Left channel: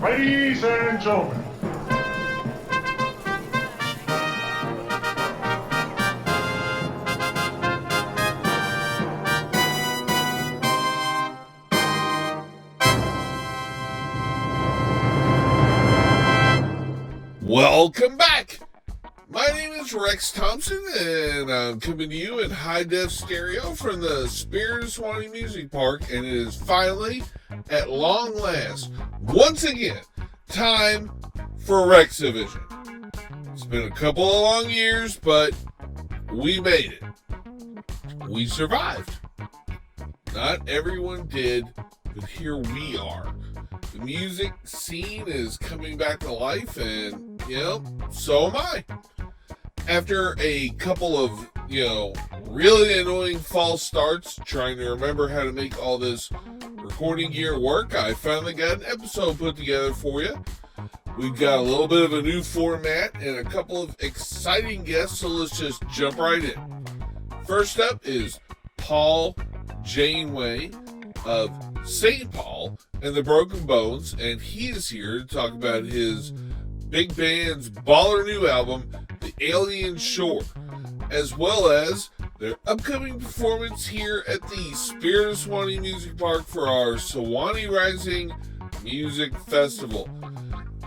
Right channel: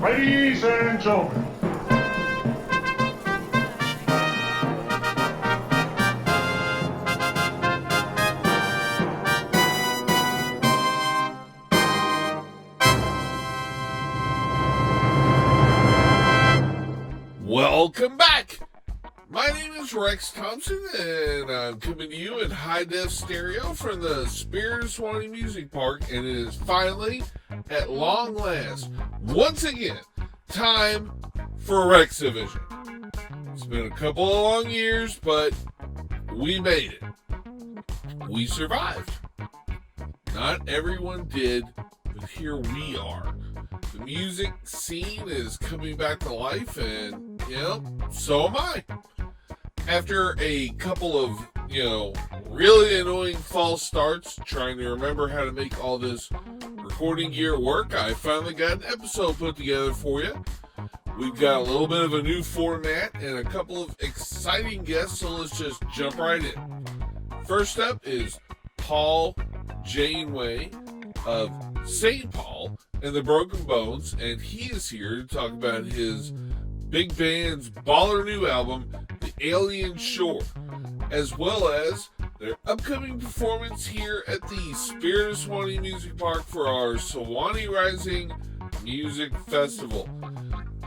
Ladies and gentlemen, welcome back. My name is Rex Thompson, and I'm coming to you in high-def stereo from the Spirit of Swanee Music Park, and it is finally, at long last, once again, time for Rexivision. It's been a couple of long years, but we made it. We survived. Not everyone did, but here we are. The music scene is coming back to life, and, so am I. After a couple of, really annoying false starts trying to remember how to make all this recording gear work, I finally got an episode put together for you. We've got a little bit of a new format and a couple of exciting guests, so let's just jump right in. First up is Paul Janeway of St. Paul and the Broken Bones, and he is here to talk about his big band's baller new album, The Alien Shore, as well as their upcoming performance here at the Spirit of Swanee Music Park for our Sewanee Rising Music Festival.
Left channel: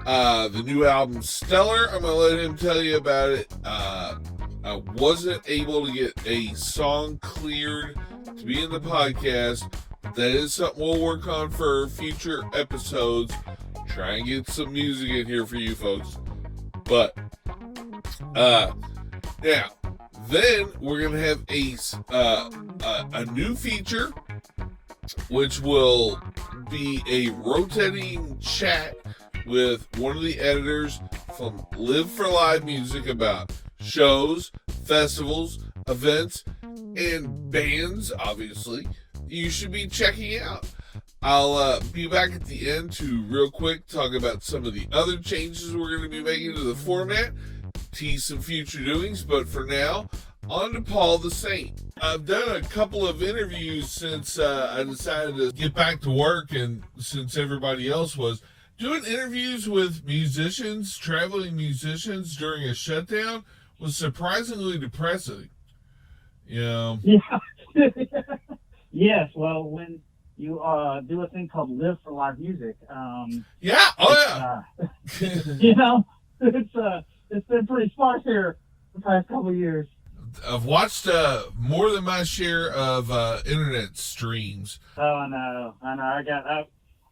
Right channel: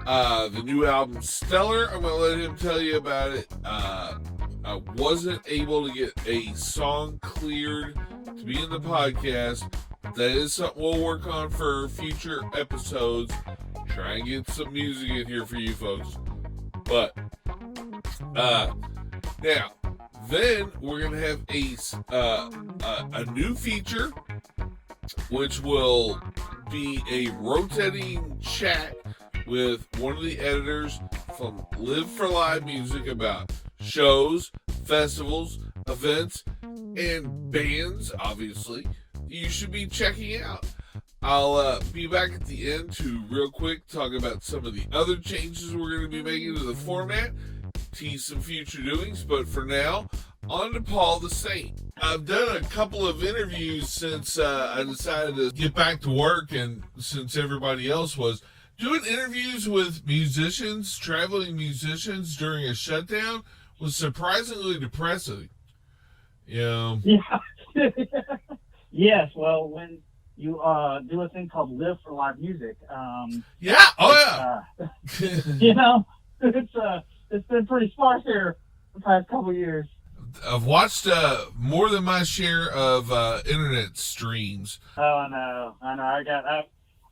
The new album, Stellar, I'm going to let him tell you about it. I wasn't able to get a song cleared to be in the podcast. That is something we'll work on for future episodes. Try and get some music in here for you folks. But, now, then we're going to have a new feature, which will be a rotating chat with one of the editors from Live for Live Music about shows, festivals, events, and bands, obviously, you should be checking out. I'll be back at the end to real quick talk about some of the other changes we're going to be making to the format, tease some future doings, but for now, on to Paul the Saint. I've done a couple of interviews since I decided to get back to work, and since everybody else was. Doing interviews with musicians, traveling musicians during a shutdown was surprisingly depressing. Yeah. Yes, well, when you do a thing called Live for Live Music, it's been pretty sparse here the past couple of years. I've watched more than my share of internet streams. Oh no, I know.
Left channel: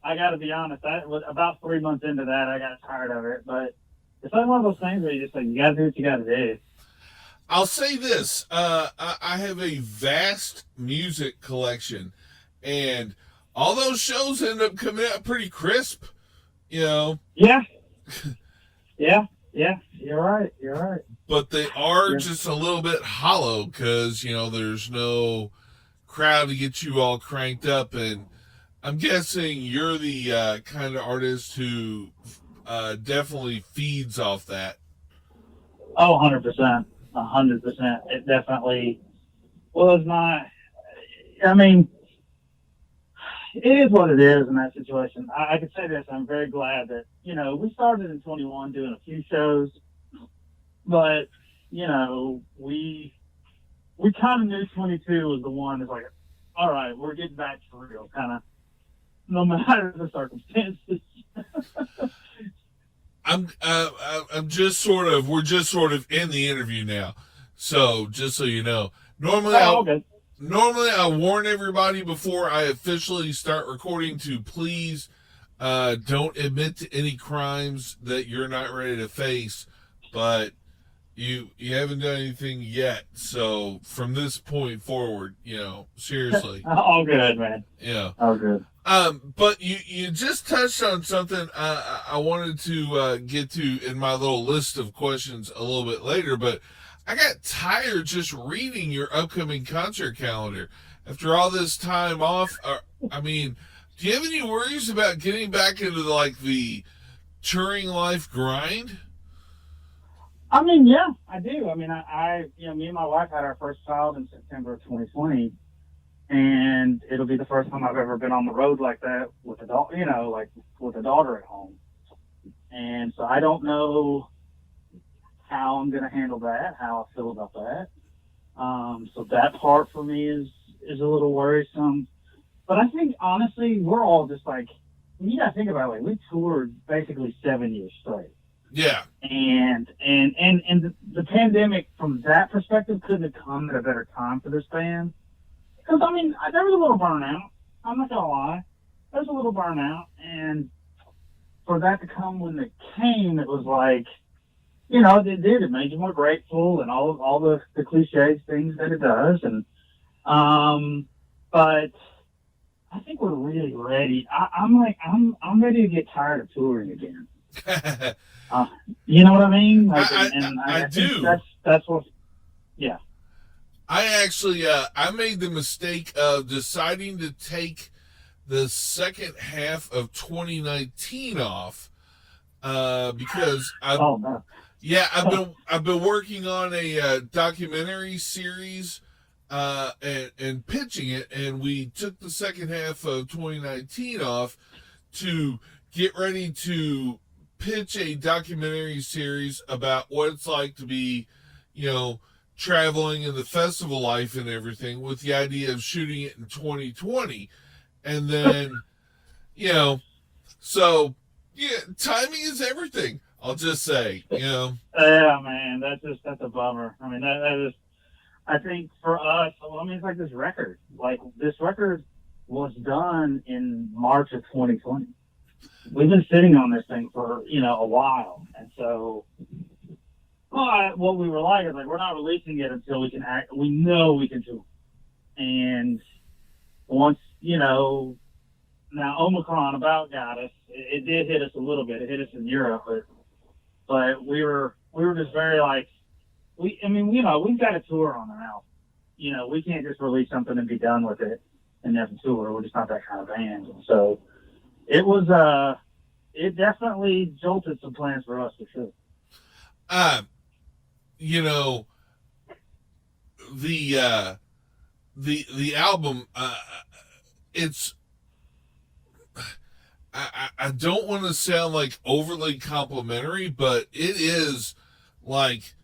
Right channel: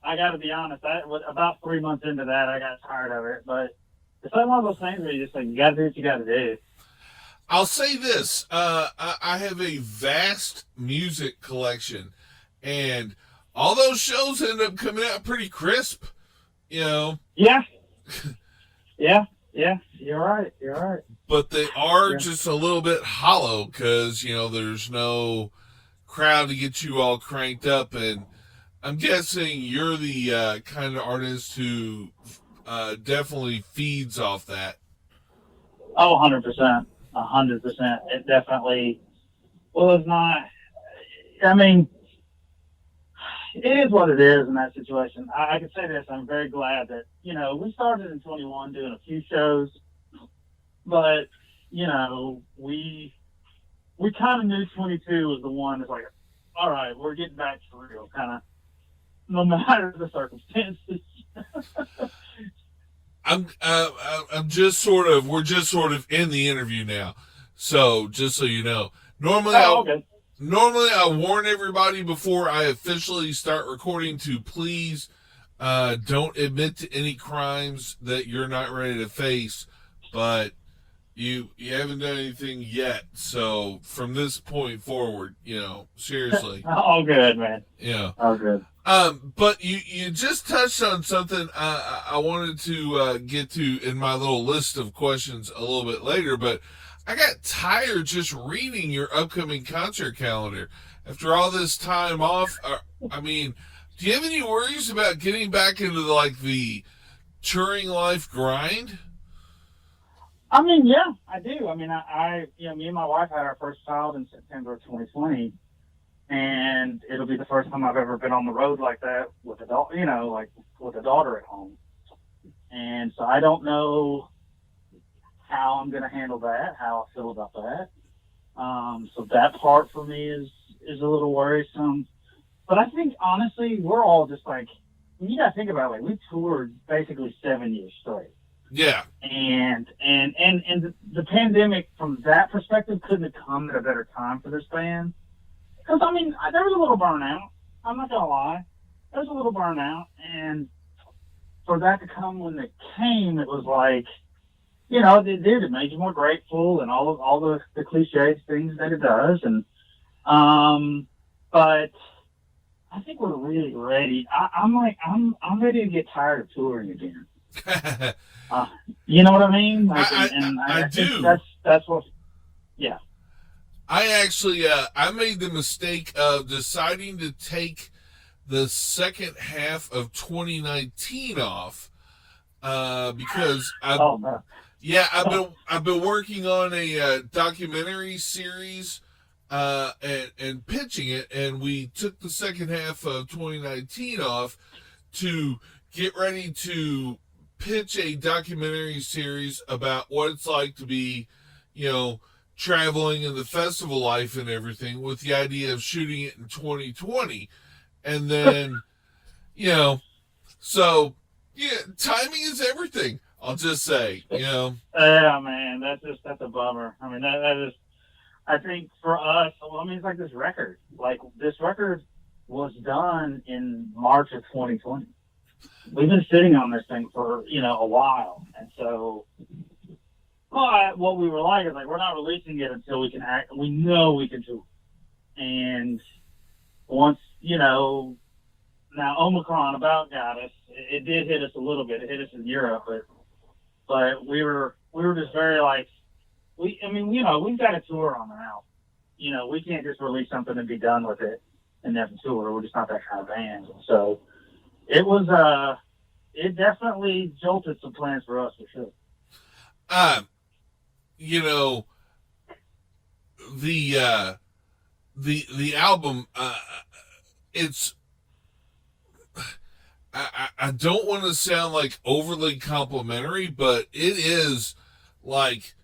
I got to be honest. About 3 months into that, I got tired of it. But it's like one of those things where you just like, you got to do what you got to do. I'll say this: I have a vast music collection, and all those shows end up coming out pretty crisp. Yeah. You're right. But they are just a little bit hollow because there's no crowd to get you all cranked up, and I'm guessing you're the kind of artist who definitely feeds off that. Oh, 100%. 100%. It definitely was not. I mean, it is what it is in that situation. I can say this. I'm very glad that, we started in 21 doing a few shows, but, we kind of knew 22 was the one that's like, all right, we're getting back to real, kind of, no matter the circumstances. we're just sort of in the interview now. So just so you know, normally I warn everybody before I officially start recording to please don't admit to any crimes that you're not ready to face, but you haven't done anything yet. So from this point forward, seriously. All good, man. Yeah. All good. But you just touched on something I wanted to get to in my little list of questions a little bit later, but I got tired just reading your upcoming concert calendar. After all this time off, do you have any worries about getting back into the touring life grind? I mean, yeah, I do. I mean, me and my wife had our first child in September of 2020, and it'll be the first time I've ever been on the road like that with a daughter at home. And so I don't know how I'm going to handle that, how I feel about that. So that part for me is a little worrisome. But I think, honestly, we're all just like, you got to think about it, like, we toured basically 7 years straight. Yeah. And the pandemic, from that perspective, couldn't have come at a better time for this band. Because, I mean, there was a little burnout. I'm not going to lie. There was a little burnout. And for that to come when it came, it was like, you know, it did. It made you more grateful and all the cliched things that it does. And but I think we're really ready. I'm ready to get tired of touring again. You know what I mean? Like, I do. That's what. Yeah. I actually I made the mistake of deciding to take the second half of 2019 off because I've been working on a documentary series and pitching it, and we took the second half of 2019 off to get ready to pitch a documentary series about what it's like to be, you know, traveling in the festival life and everything, with the idea of shooting it in 2020. And then, you know, so yeah, timing is everything. I'll just say, you know. Yeah, man, that's a bummer. I mean, that is. I think for us, I mean, it's like this record. Like, this record was done in March of 2020. We've been sitting on this thing for, you know, a while, and so. But what we were like is, like, we're not releasing it until we can act. We know we can do it. And once, you know, now Omicron about got us. It did hit us a little bit. It hit us in Europe, but we were just very like, I mean, you know, we've got a tour on the album. You know, we can't just release something and be done with it and never tour. We're just not that kind of band. And so it was, it definitely jolted some plans for us, for sure. You know, the album, it's, I don't want to sound like overly complimentary, but it is like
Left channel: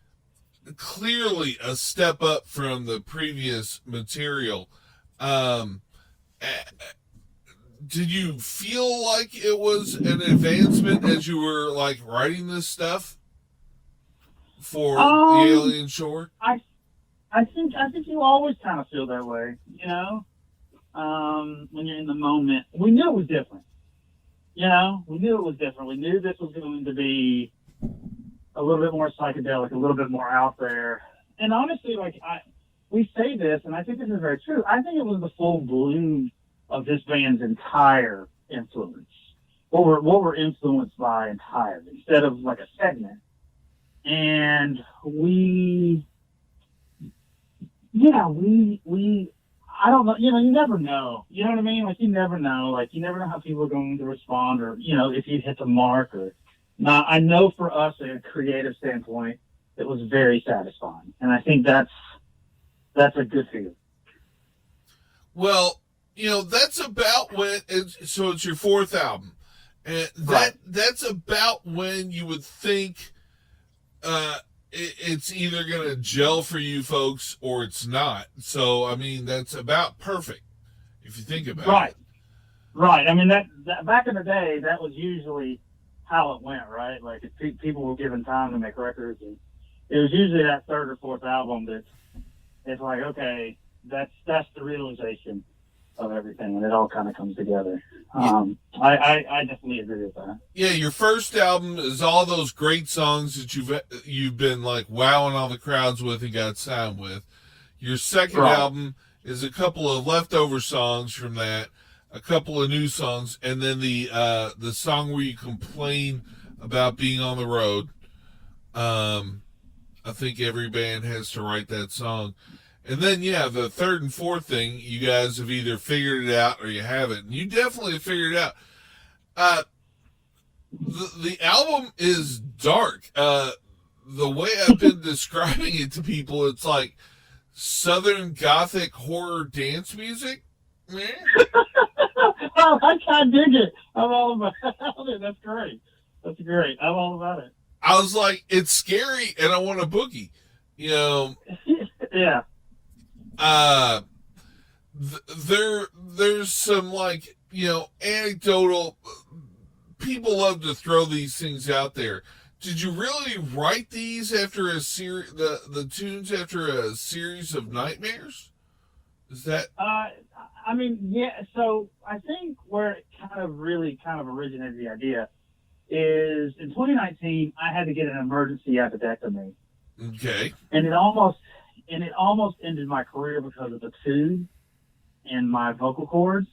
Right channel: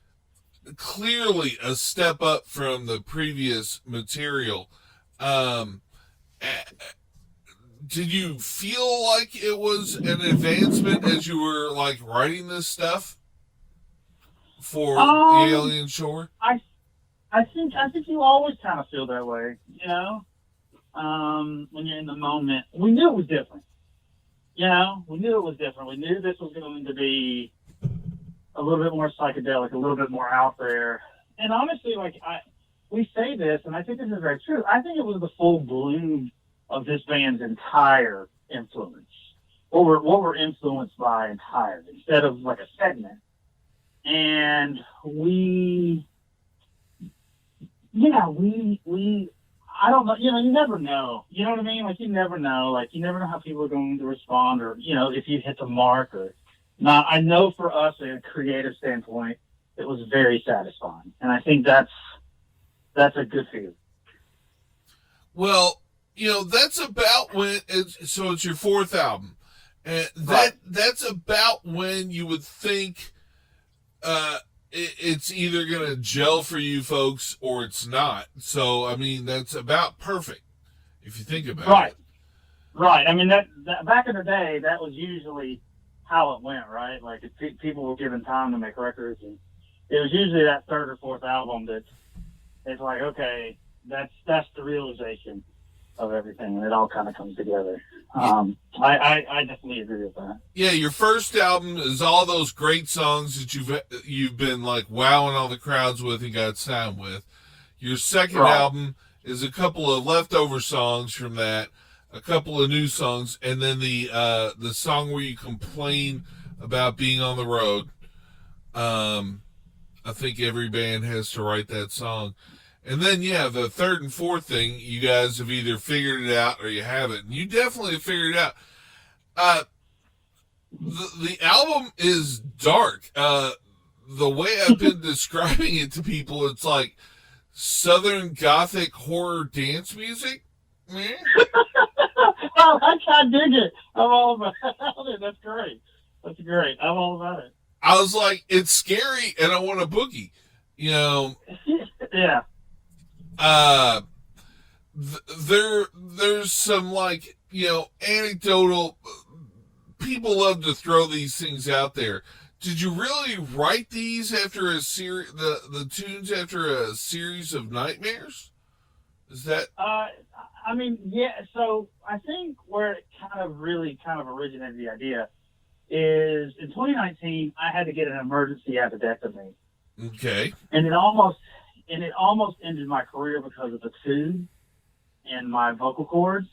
clearly a step up from the previous material. Did you feel like it was an advancement as you were like writing this stuff for the Alien Shore? I think you always kind of feel that way, you know, when you're in the moment. We knew it was different. You know, we knew it was different. We knew this was going to be a little bit more psychedelic, a little bit more out there. And honestly, like, we say this, and I think this is very true. I think it was the full bloom of this band's entire influence. What we're influenced by entirely, instead of like a segment. And we I don't know, you know, you never know. You know what I mean? Like, you never know. Like, you never know how people are going to respond, or, you know, if you hit the mark or not. I know for us, in a creative standpoint, it was very satisfying. And I think that's a good feeling. Well, you know, that's about when, so it's your fourth album. And that's about when you would think it's either going to gel for you folks or it's not. So, I mean, that's about perfect if you think about it. Right. I mean, that back in the day, that was usually how it went, right? Like, if people were given time to make records, and it was usually that third or fourth album that it's like, okay, that's the realization of everything, and it all kind of comes together. I definitely agree with that. Yeah, your first album is all those great songs that you've been like wowing all the crowds with and got signed with. Your second album is a couple of leftover songs from that, a couple of new songs, and then the song where you complain about being on the road. I think every band has to write that song. And then, yeah, the third and fourth thing, you guys have either figured it out or you haven't. And you definitely have figured it out. The album is dark. The way I've been describing it to people, it's like Southern Gothic horror dance music. Man. Oh, I dig it. I'm all about it. That's great. That's great. I'm all about it. I was like, it's scary, and I want a boogie. You know, Yeah. There's some, like, anecdotal. People love to throw these things out there. Did you really write these after a series? The tunes after a series of nightmares? Is that? I mean, yeah. So I think where it kind of originated the idea is in 2019 I had to get an emergency appendectomy. Okay. And it almost ended my career because of the tube in my vocal cords.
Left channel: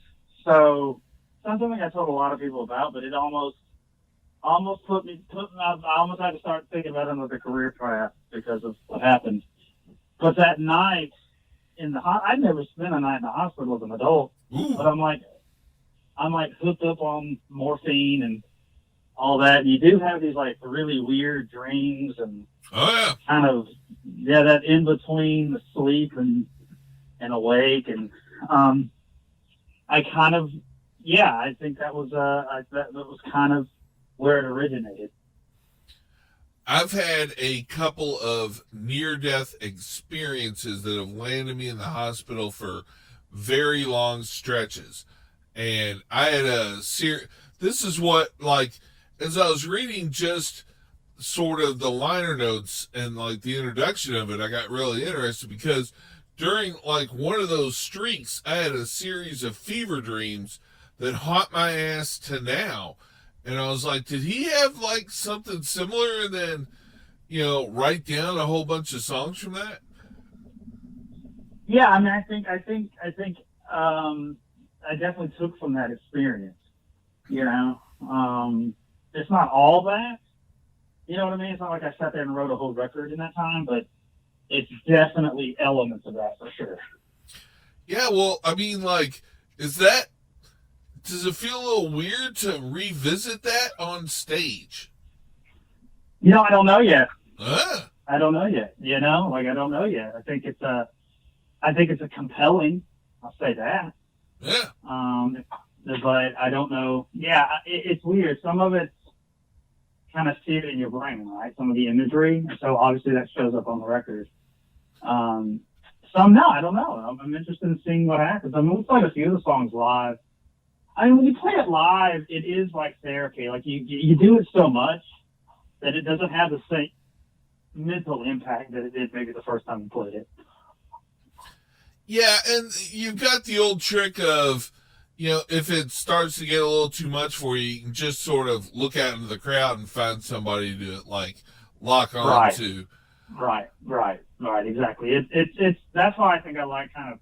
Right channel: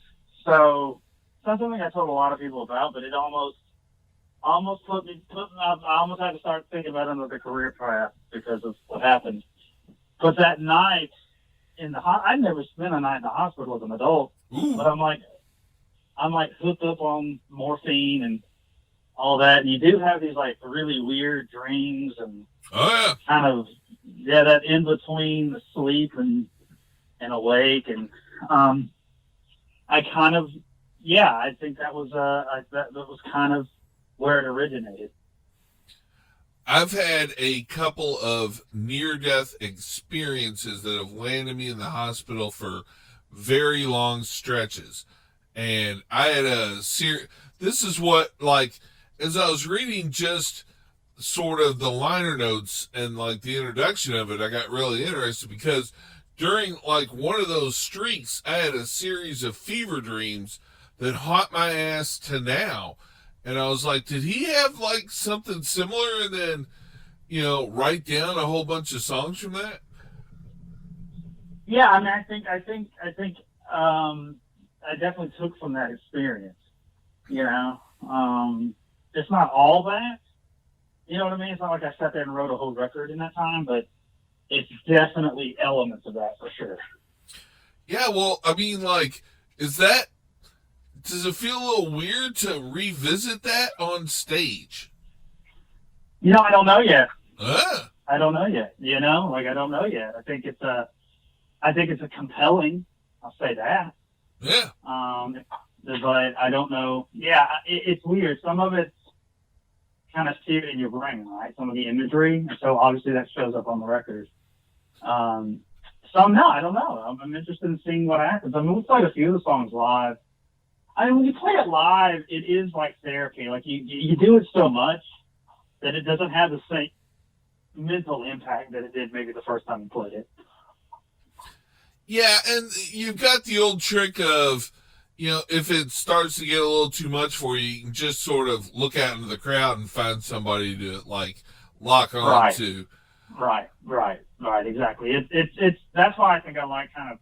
So it's not something I told a lot of people about, but it almost put me. I almost had to start thinking about another career path because of what happened. But that night I'd never spent a night in the hospital as an adult. Ooh. But I'm like hooked up on morphine and all that. And you do have these like really weird dreams and kind of that in between sleep and awake. And I kind of I think that was that was kind of where it originated. I've had a couple of near-death experiences that have landed me in the hospital for very long stretches. And I had this is what, like, as I was reading just sort of the liner notes and, like, the introduction of it, I got really interested because during, like, one of those streaks, I had a series of fever dreams that haunt my ass to now. And I was like, did he have, like, something similar and then, write down a whole bunch of songs from that? Yeah, I mean, I think I definitely took from that experience. It's not all that. You know what I mean? It's not like I sat there and wrote a whole record in that time, but it's definitely elements of that for sure. Yeah, well, I mean, like, does it feel a little weird to revisit that on stage? I don't know yet. I don't know yet. I don't know yet. I think it's a compelling. I'll say that. Yeah. But I don't know. Yeah, it's weird. Some of it's kind of seared in your brain, right? Some of the imagery, and so obviously that shows up on the record. Some no, I don't know. I'm interested in seeing what happens. I mean, we played a few of the songs live. I mean, when you play it live, it is like therapy. Like you do it so much that it doesn't have the same mental impact that it did maybe the first time you played it. Yeah, and you've got the old trick of, if it starts to get a little too much for you, you can just sort of look out into the crowd and find somebody to, like, lock on to. Right, exactly. It's that's why I think I like kind of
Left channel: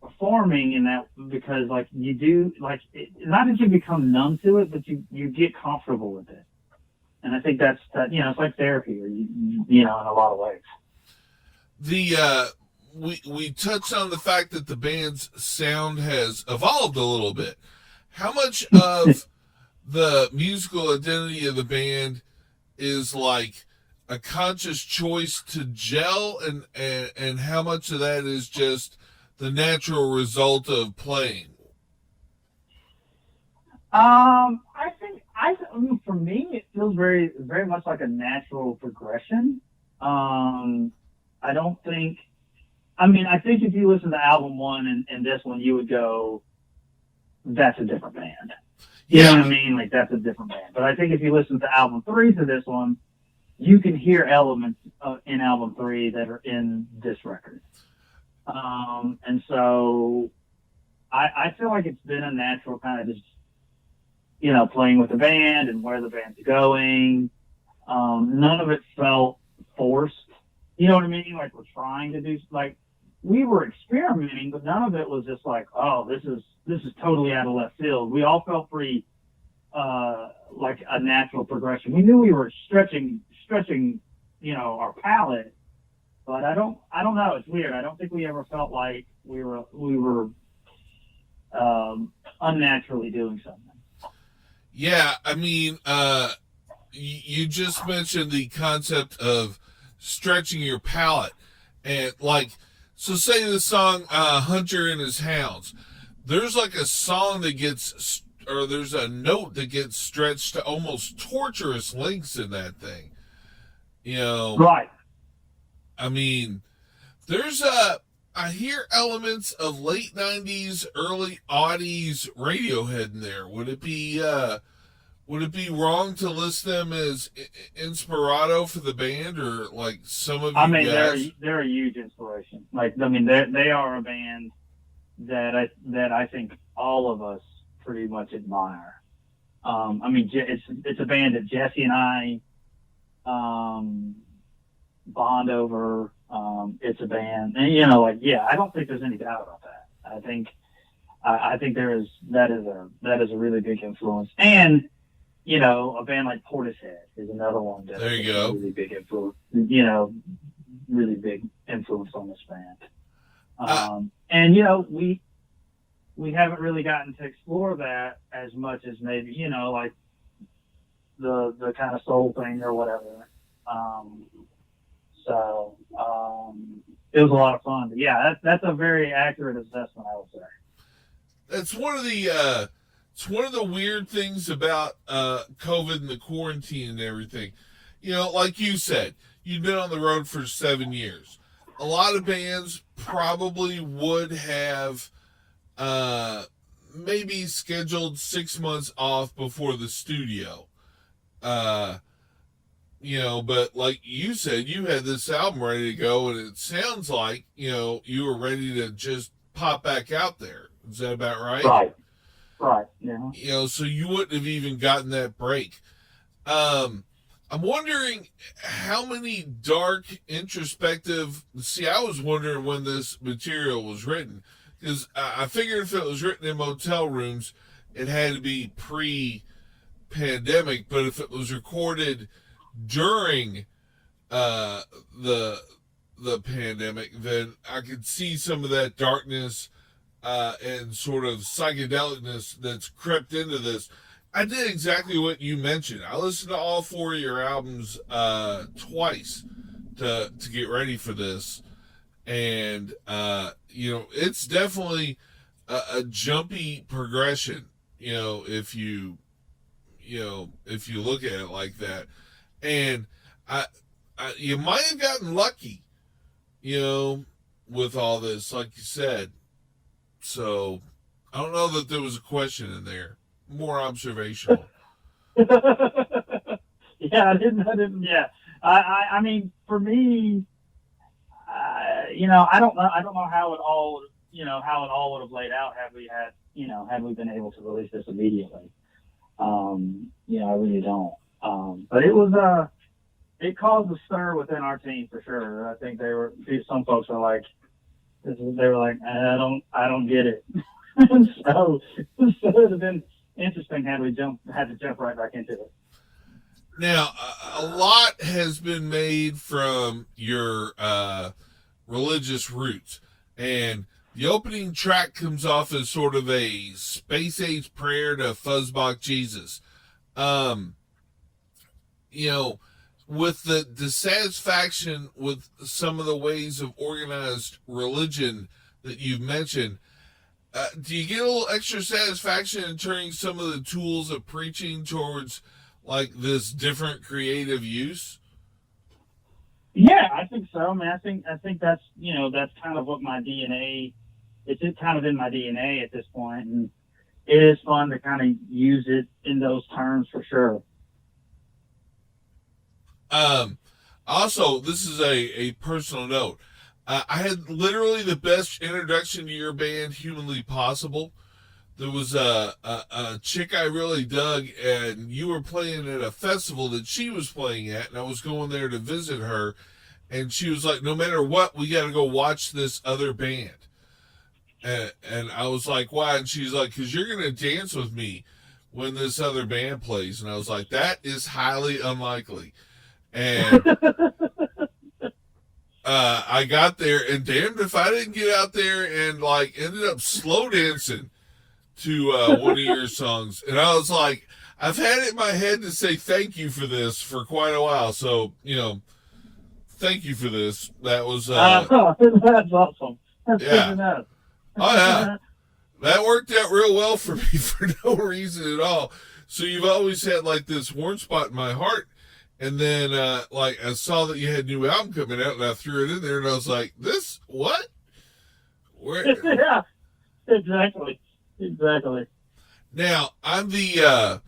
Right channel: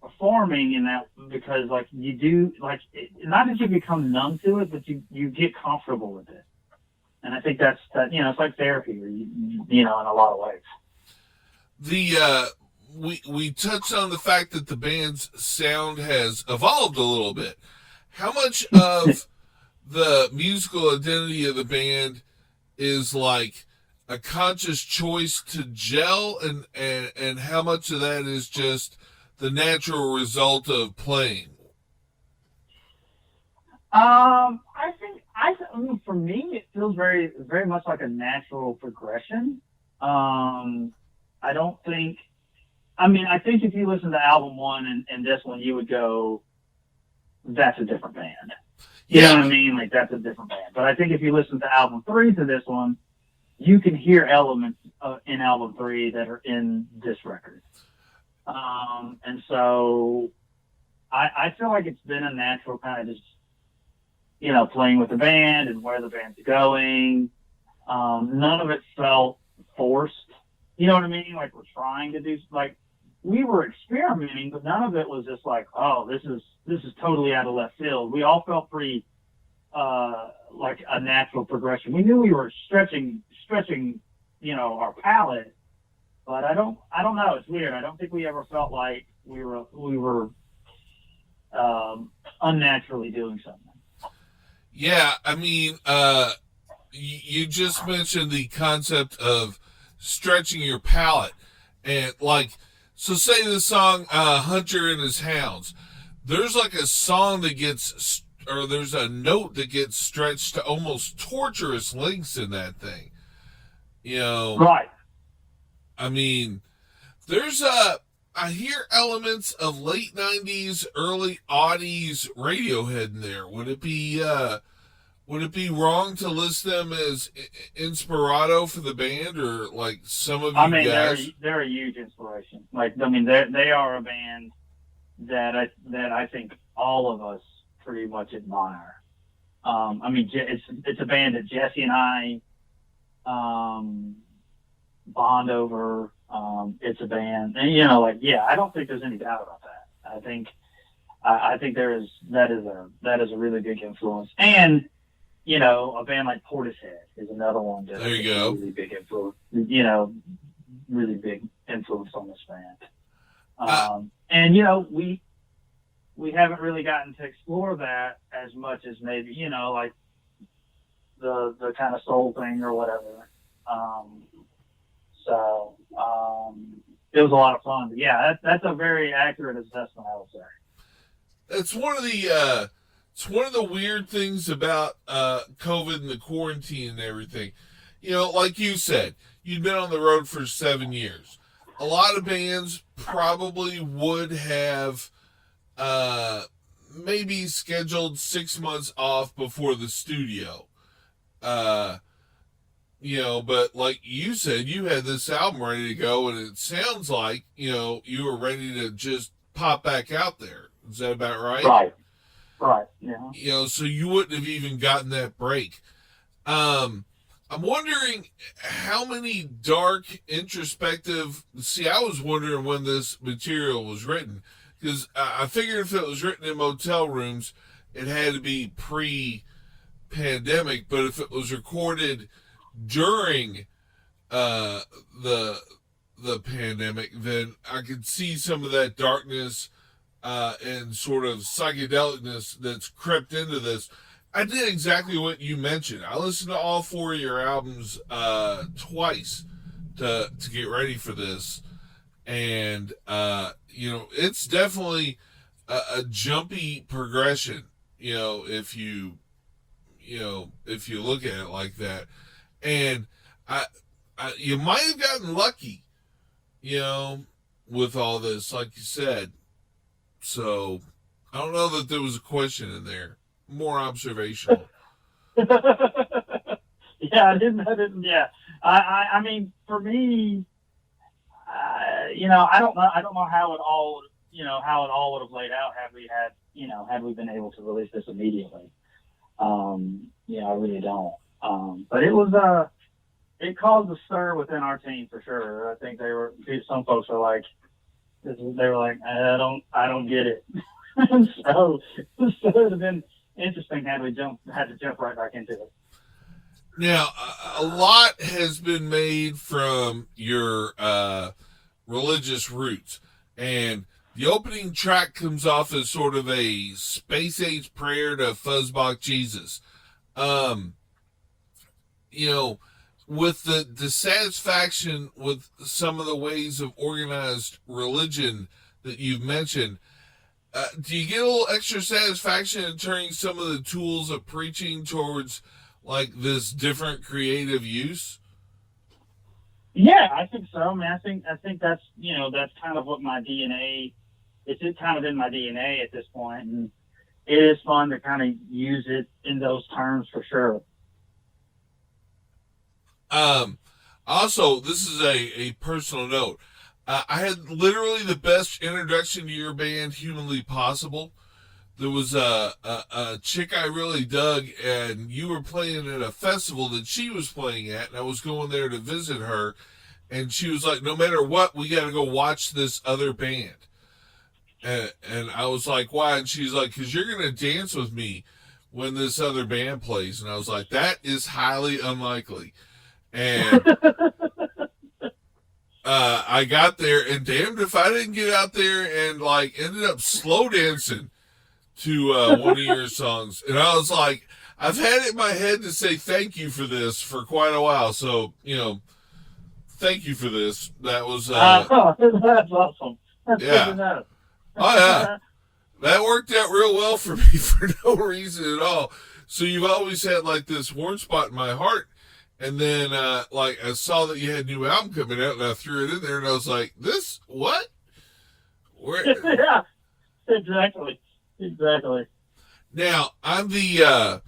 performing in that, because like you do, like, not that you become numb to it, but you get comfortable with it. And I think that's it's like therapy, or in a lot of ways. We touched on the fact that the band's sound has evolved a little bit. How much of the musical identity of the band is like a conscious choice to gel, and how much of that is just the natural result of playing? I think for me, it feels very, very much like a natural progression. I don't think. I mean, I think if you listen to album one and this one, you would go, "That's a different band." You know what I mean? Like, that's a different band. But I think if you listen to album three to this one, you can hear elements in album three that are in this record. And so I feel like it's been a natural kind of just, playing with the band and where the band's going. None of it felt forced. You know what I mean? Like, we're trying to do, like, we were experimenting, but none of it was just like, oh, this is totally out of left field. We all felt pretty, like a natural progression. We knew we were stretching, our palate, but I don't know. It's weird. I don't think we ever felt like we were unnaturally doing something. Yeah, I mean, you just mentioned the concept of stretching your palate, and like, so say the song Hunter and His Hounds, there's like a song that gets or there's a note that gets stretched to almost torturous lengths in that thing. You know, Right. I mean, I hear elements of late 90s, early aughties Radiohead in there. Would it be wrong to list them as inspirato for the band, or like some of you I mean, guys? they're a huge inspiration. Like, I mean, they are a band that I think all of us pretty much admire. I mean, it's a band that Jesse and I bond over. It's a band, and I don't think there's any doubt about that. I think that is a really big influence, and a band like Portishead is another one that There you go. Really big influence. Really big influence on this band. And we haven't really gotten to explore that as much as maybe like the kind of soul thing or whatever. It was a lot of fun. But yeah, that's a very accurate assessment, I would say. It's one of the weird things about COVID and the quarantine and everything. Like you said, you'd been on the road for 7 years. A lot of bands probably would have maybe scheduled 6 months off before the studio. But like you said, you had this album ready to go, and it sounds like, you were ready to just pop back out there. Is that about right? Right. Yeah. So you wouldn't have even gotten that break. I'm wondering how many dark, introspective... See, I was wondering when this material was written, because I figured if it was written in motel rooms, it had to be pre-pandemic, but if it was recorded during the pandemic, then I could see some of that darkness and sort of psychedelicness that's crept into this. I did exactly what you mentioned. I listened to all 4 of your albums twice to get ready for this, and it's definitely a jumpy progression. If you look at it like that, and you might have gotten lucky, with all this, like you said. So I don't know that there was a question in there. More observational. Yeah, I didn't. Yeah, I mean, for me, I don't know how it all would have laid out had we been able to release this immediately. I really don't. But it caused a stir within our team for sure. I think some folks were like, I don't get it. so it would have been interesting had to jump right back into it. Now, a lot has been made from your religious roots, and the opening track comes off as sort of a space-age prayer to Fuzzbach Jesus. With the dissatisfaction with some of the ways of organized religion that you've mentioned, do you get a little extra satisfaction in turning some of the tools of preaching towards like this different creative use? Yeah, I think so. I mean, I think that's that's kind of what my DNA. It's kind of in my DNA at this point, and it is fun to kind of use it in those terms for sure. Also, this is a personal note. I had literally the best introduction to your band humanly possible. There was a chick I really dug, and you were playing at a festival that she was playing at, and I was going there to visit her, and she was like, no matter what, we got to go watch this other band. And I was like, why? And she's like, because you're going to dance with me when this other band plays. And I was like, that is highly unlikely. And I got there, and damned if I didn't get out there and like ended up slow dancing to one of your songs. And I was like, I've had it in my head to say thank you for this for quite a while. So, thank you for this. That was that's awesome. That's yeah. good to know. Oh yeah. that worked out real well for me for no reason at all. So you've always had like this warm spot in my heart. And then, like, I saw that you had a new album coming out, and I threw it in there, and I was like, "This what? Where?" Yeah, exactly. Now, I'm the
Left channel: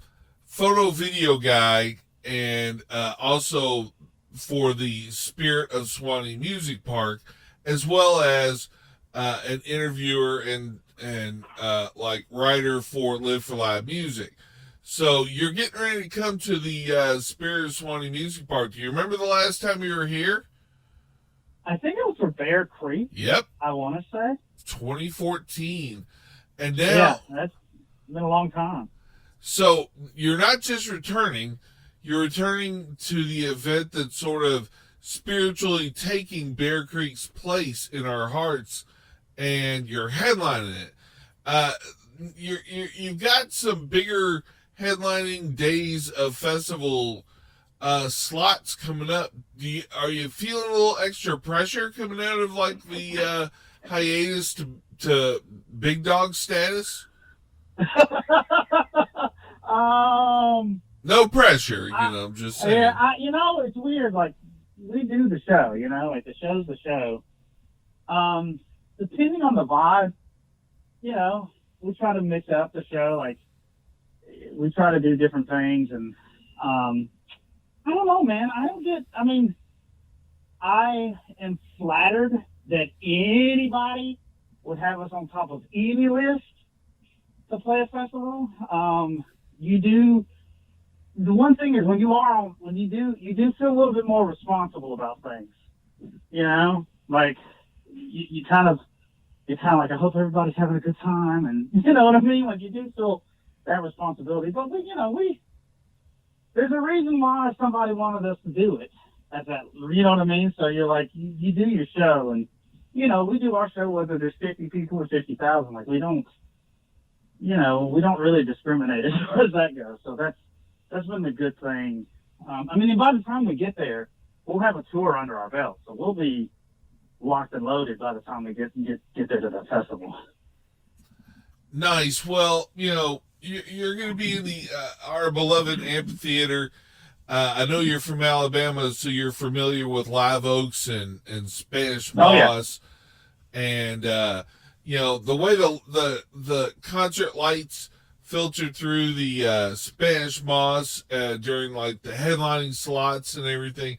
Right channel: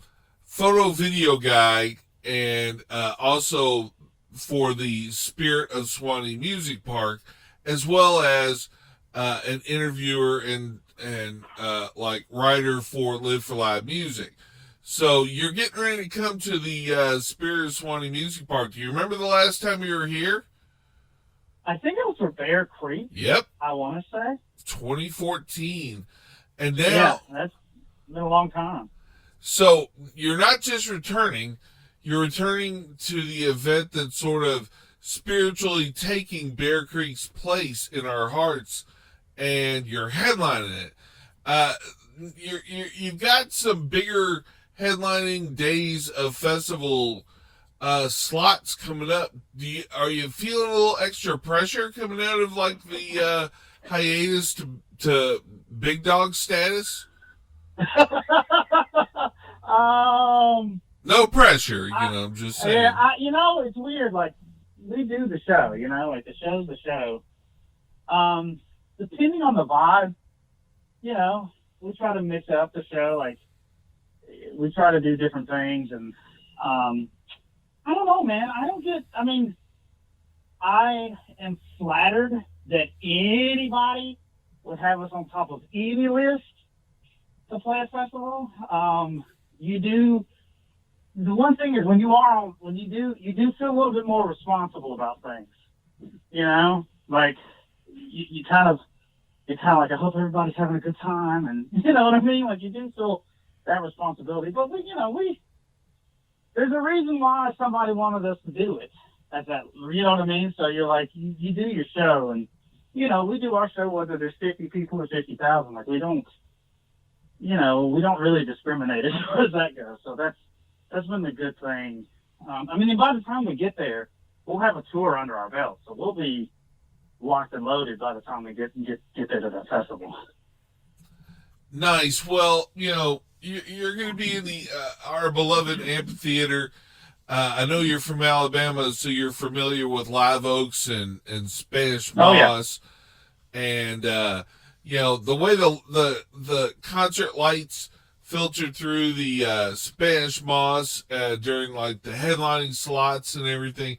photo video guy, and also for the Spirit of Swanee Music Park, as well as an interviewer and like writer for Live for Live Music. So you're getting ready to come to the Spirit of Swanee Music Park. Do you remember the last time you were here? I think it was for Bear Creek. Yep. I want to say 2014. And now, yeah, that's been a long time. So you're not just returning, you're returning to the event that's sort of spiritually taking Bear Creek's place in our hearts, and you're headlining it. You've got some bigger headlining days of festival slots coming up. Are you feeling a little extra pressure coming out of like the hiatus to big dog status? No pressure, I'm just saying. Yeah, it's weird. Like, we do the show, like the show's the show. Depending on the vibe, we try to mix up the show. Like, we try to do different things, and I don't know, man. I am flattered that anybody would have us on top of any list to play a festival. The one thing is when you do feel a little bit more responsible about things. Like you kind of like, I hope everybody's having a good time, and you know what I mean? Like, you do feel that responsibility. But there's a reason why somebody wanted us to do it at that, you know what I mean? So you're like, you do your show, and we do our show whether there's 50 people or 50,000. Like, we don't really discriminate as far as that goes. So that's been the good thing. By the time we get there, we'll have a tour under our belt, so we'll be locked and loaded by the time we get there to the festival. Nice. Well, you're going to be in the our beloved amphitheater. I know you're from Alabama, so you're familiar with Live Oaks and Spanish Moss. Oh, yeah. And the way the concert lights filtered through the Spanish Moss during like the headlining slots and everything,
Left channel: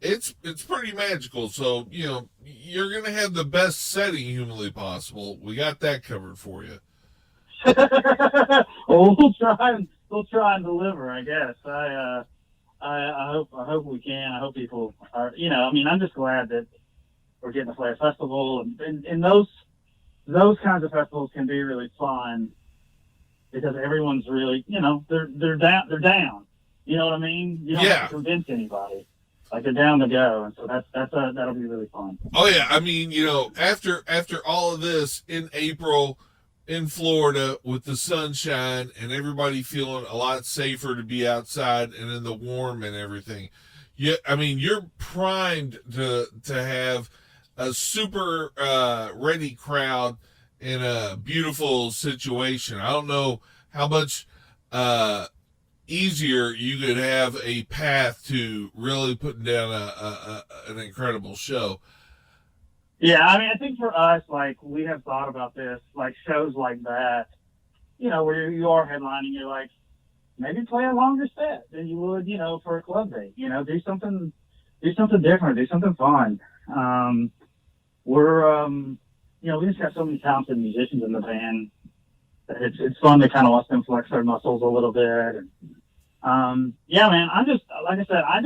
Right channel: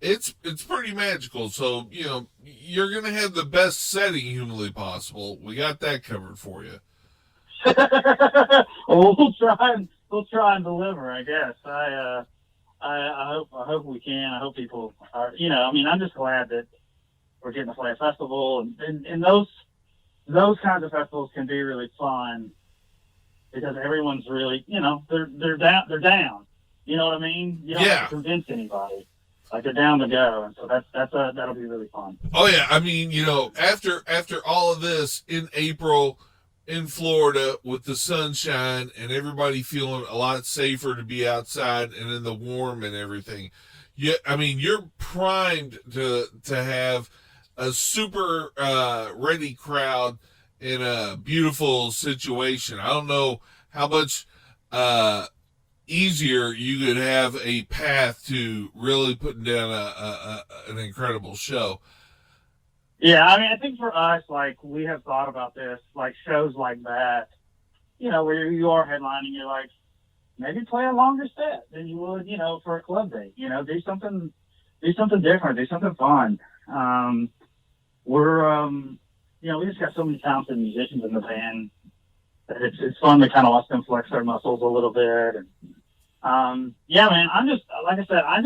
it's pretty magical. So you're gonna have the best setting humanly possible. We got that covered for you. Well, we'll try and deliver, I guess. I hope we can. I hope people are. I'm just glad that we're getting to play a festival, and those kinds of festivals can be really fun because everyone's really, they're down. You know what I mean? You don't have to convince anybody. Like, they're down to go, and so that'll be really fun. Oh yeah, after all of this in April in Florida with the sunshine and everybody feeling a lot safer to be outside and in the warm and everything, you're primed to have a super ready crowd in a beautiful situation. I don't know how much easier you could have a path to really putting down an incredible show. Yeah, I think for us, like, we have thought about this, like, shows like that, where you're headlining, you're like, maybe play a longer set than you would, for a club day. Do something different, do something fun. We just got so many talented musicians in the band. It's fun to kind of watch them flex their muscles a little bit. And, man, I'm just, like I said, I'm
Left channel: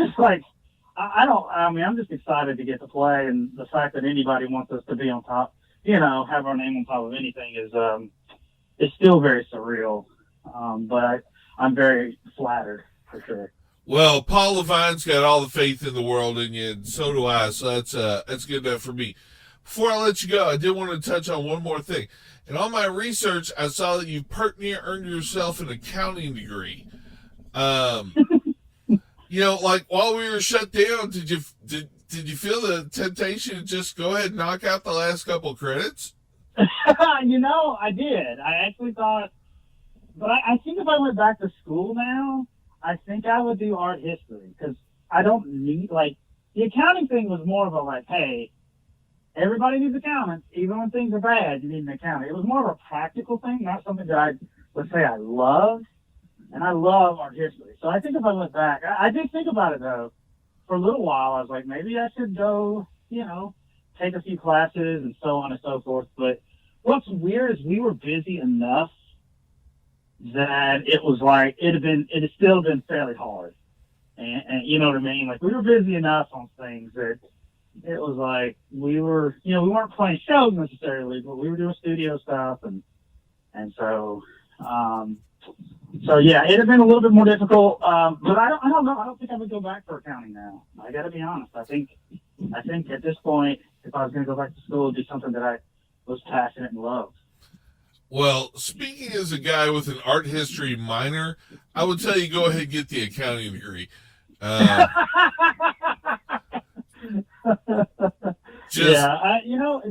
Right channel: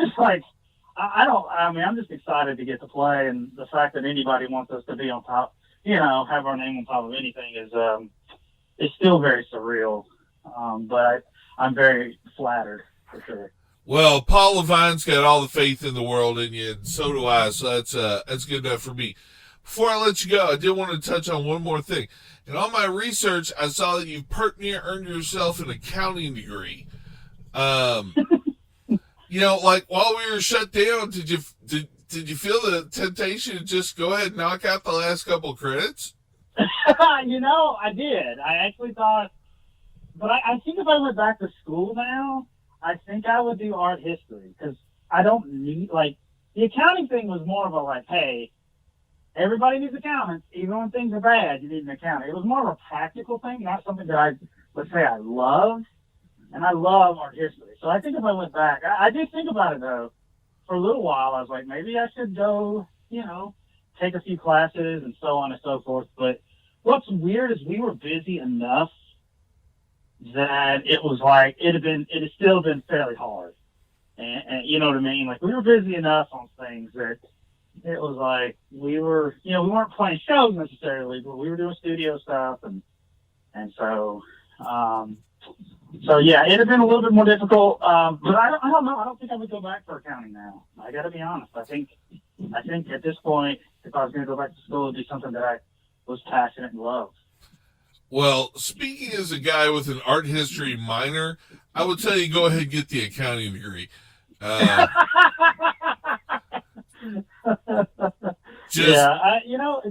just excited to get to play, and the fact that anybody wants us to be on top, have our name on top of anything is still very surreal. But I'm very flattered, for sure. Well, Paul Levine's got all the faith in the world in you, and so do I, so that's good enough for me. Before I let you go, I did want to touch on one more thing. In all my research, I saw that you earned yourself an accounting degree. Like, while we were shut down, did you feel the temptation to just go ahead and knock out the last couple credits? I did. I actually thought, but I think if I went back to school now, I think I would do art history because I don't need, like, the accounting thing was more of a, like, hey, everybody needs accountants. Even when things are bad, you need an accountant. It was more of a practical thing, not something that I would say I love. And I love art history. So I think if I went back, I did think about it, though. For a little while, I was like, maybe I should go, take a few classes and so on and so forth. But what's weird is we were busy enough that it was like, it had still been fairly hard. And you know what I mean? Like, we were busy enough on things that it was like we weren't playing shows necessarily, but we were doing studio stuff. And so, yeah, it'd have been a little bit more difficult. But I don't know. I don't think I would go back for accounting now. I got to be honest. I think at this point, if I was going to go back to school, it'd be something that I was passionate and loved. Well, speaking as a guy with an art history minor, I would tell you go ahead and get the accounting degree.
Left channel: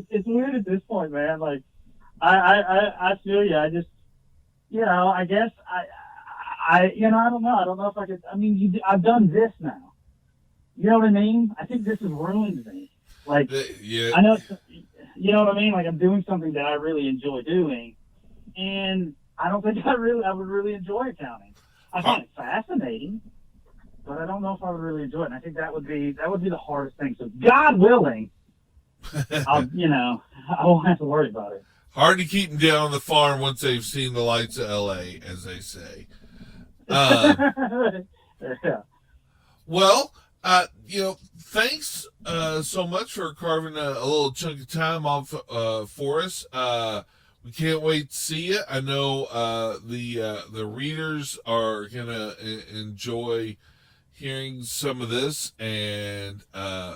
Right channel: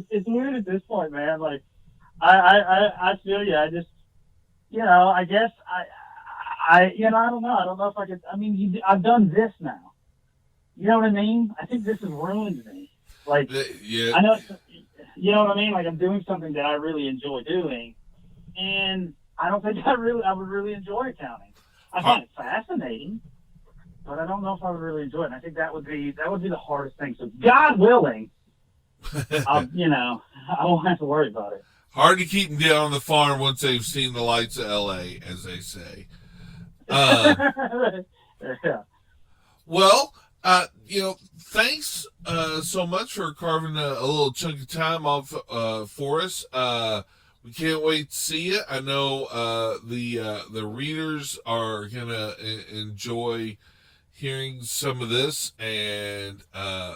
It's weird at this point, man. Like, I feel you. I just, I guess I don't know. I don't know if I could. I mean, I've done this now. You know what I mean? I think this has ruined me. Like, yeah. I know, you know what I mean? Like, I'm doing something that I really enjoy doing, and I don't think I would really enjoy accounting. I find it fascinating, but I don't know if I would really enjoy it. And I think that would be the hardest thing. So, God willing, I won't have to worry about it. Hard to keep them down on the farm once they've seen the lights of L.A., as they say. Yeah. Well, thanks so much for carving a little chunk of time off for us. We can't wait to see it. I know the readers are gonna enjoy hearing some of this, and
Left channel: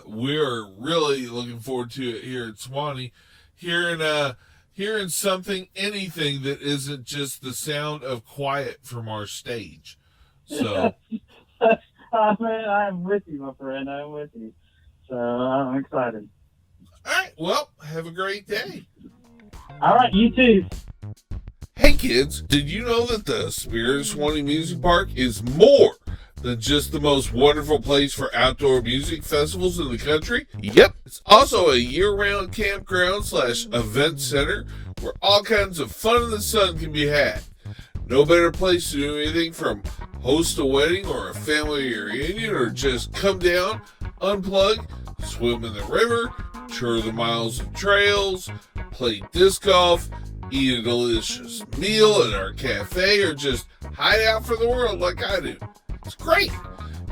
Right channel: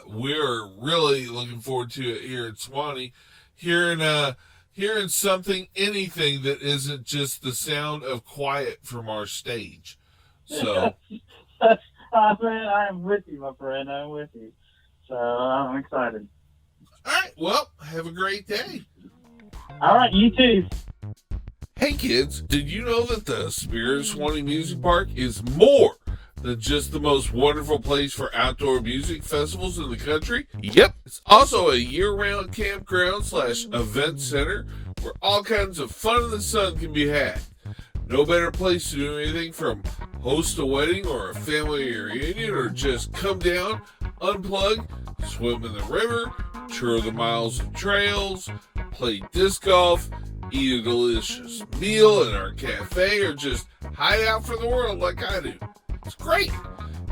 we're really looking forward to it here at Swanee. Hearing anything that isn't just the sound of quiet from our stage. So, I'm with you, my friend. I'm with you. So I'm excited. All right. Well, have a great day. All right. You too. Hey, kids. Did you know that the Spirit of Swanee Music Park is more than just the most wonderful place for outdoor music festivals in the country? Yep. It's also a year-round campground / event center where all kinds of fun in the sun can be had. No better place to do anything from host a wedding or a family reunion, or just come down, unplug, swim in the river, tour the miles of trails, play disc golf, eat a delicious meal at our cafe, or just hide out for the world like I do. It's great.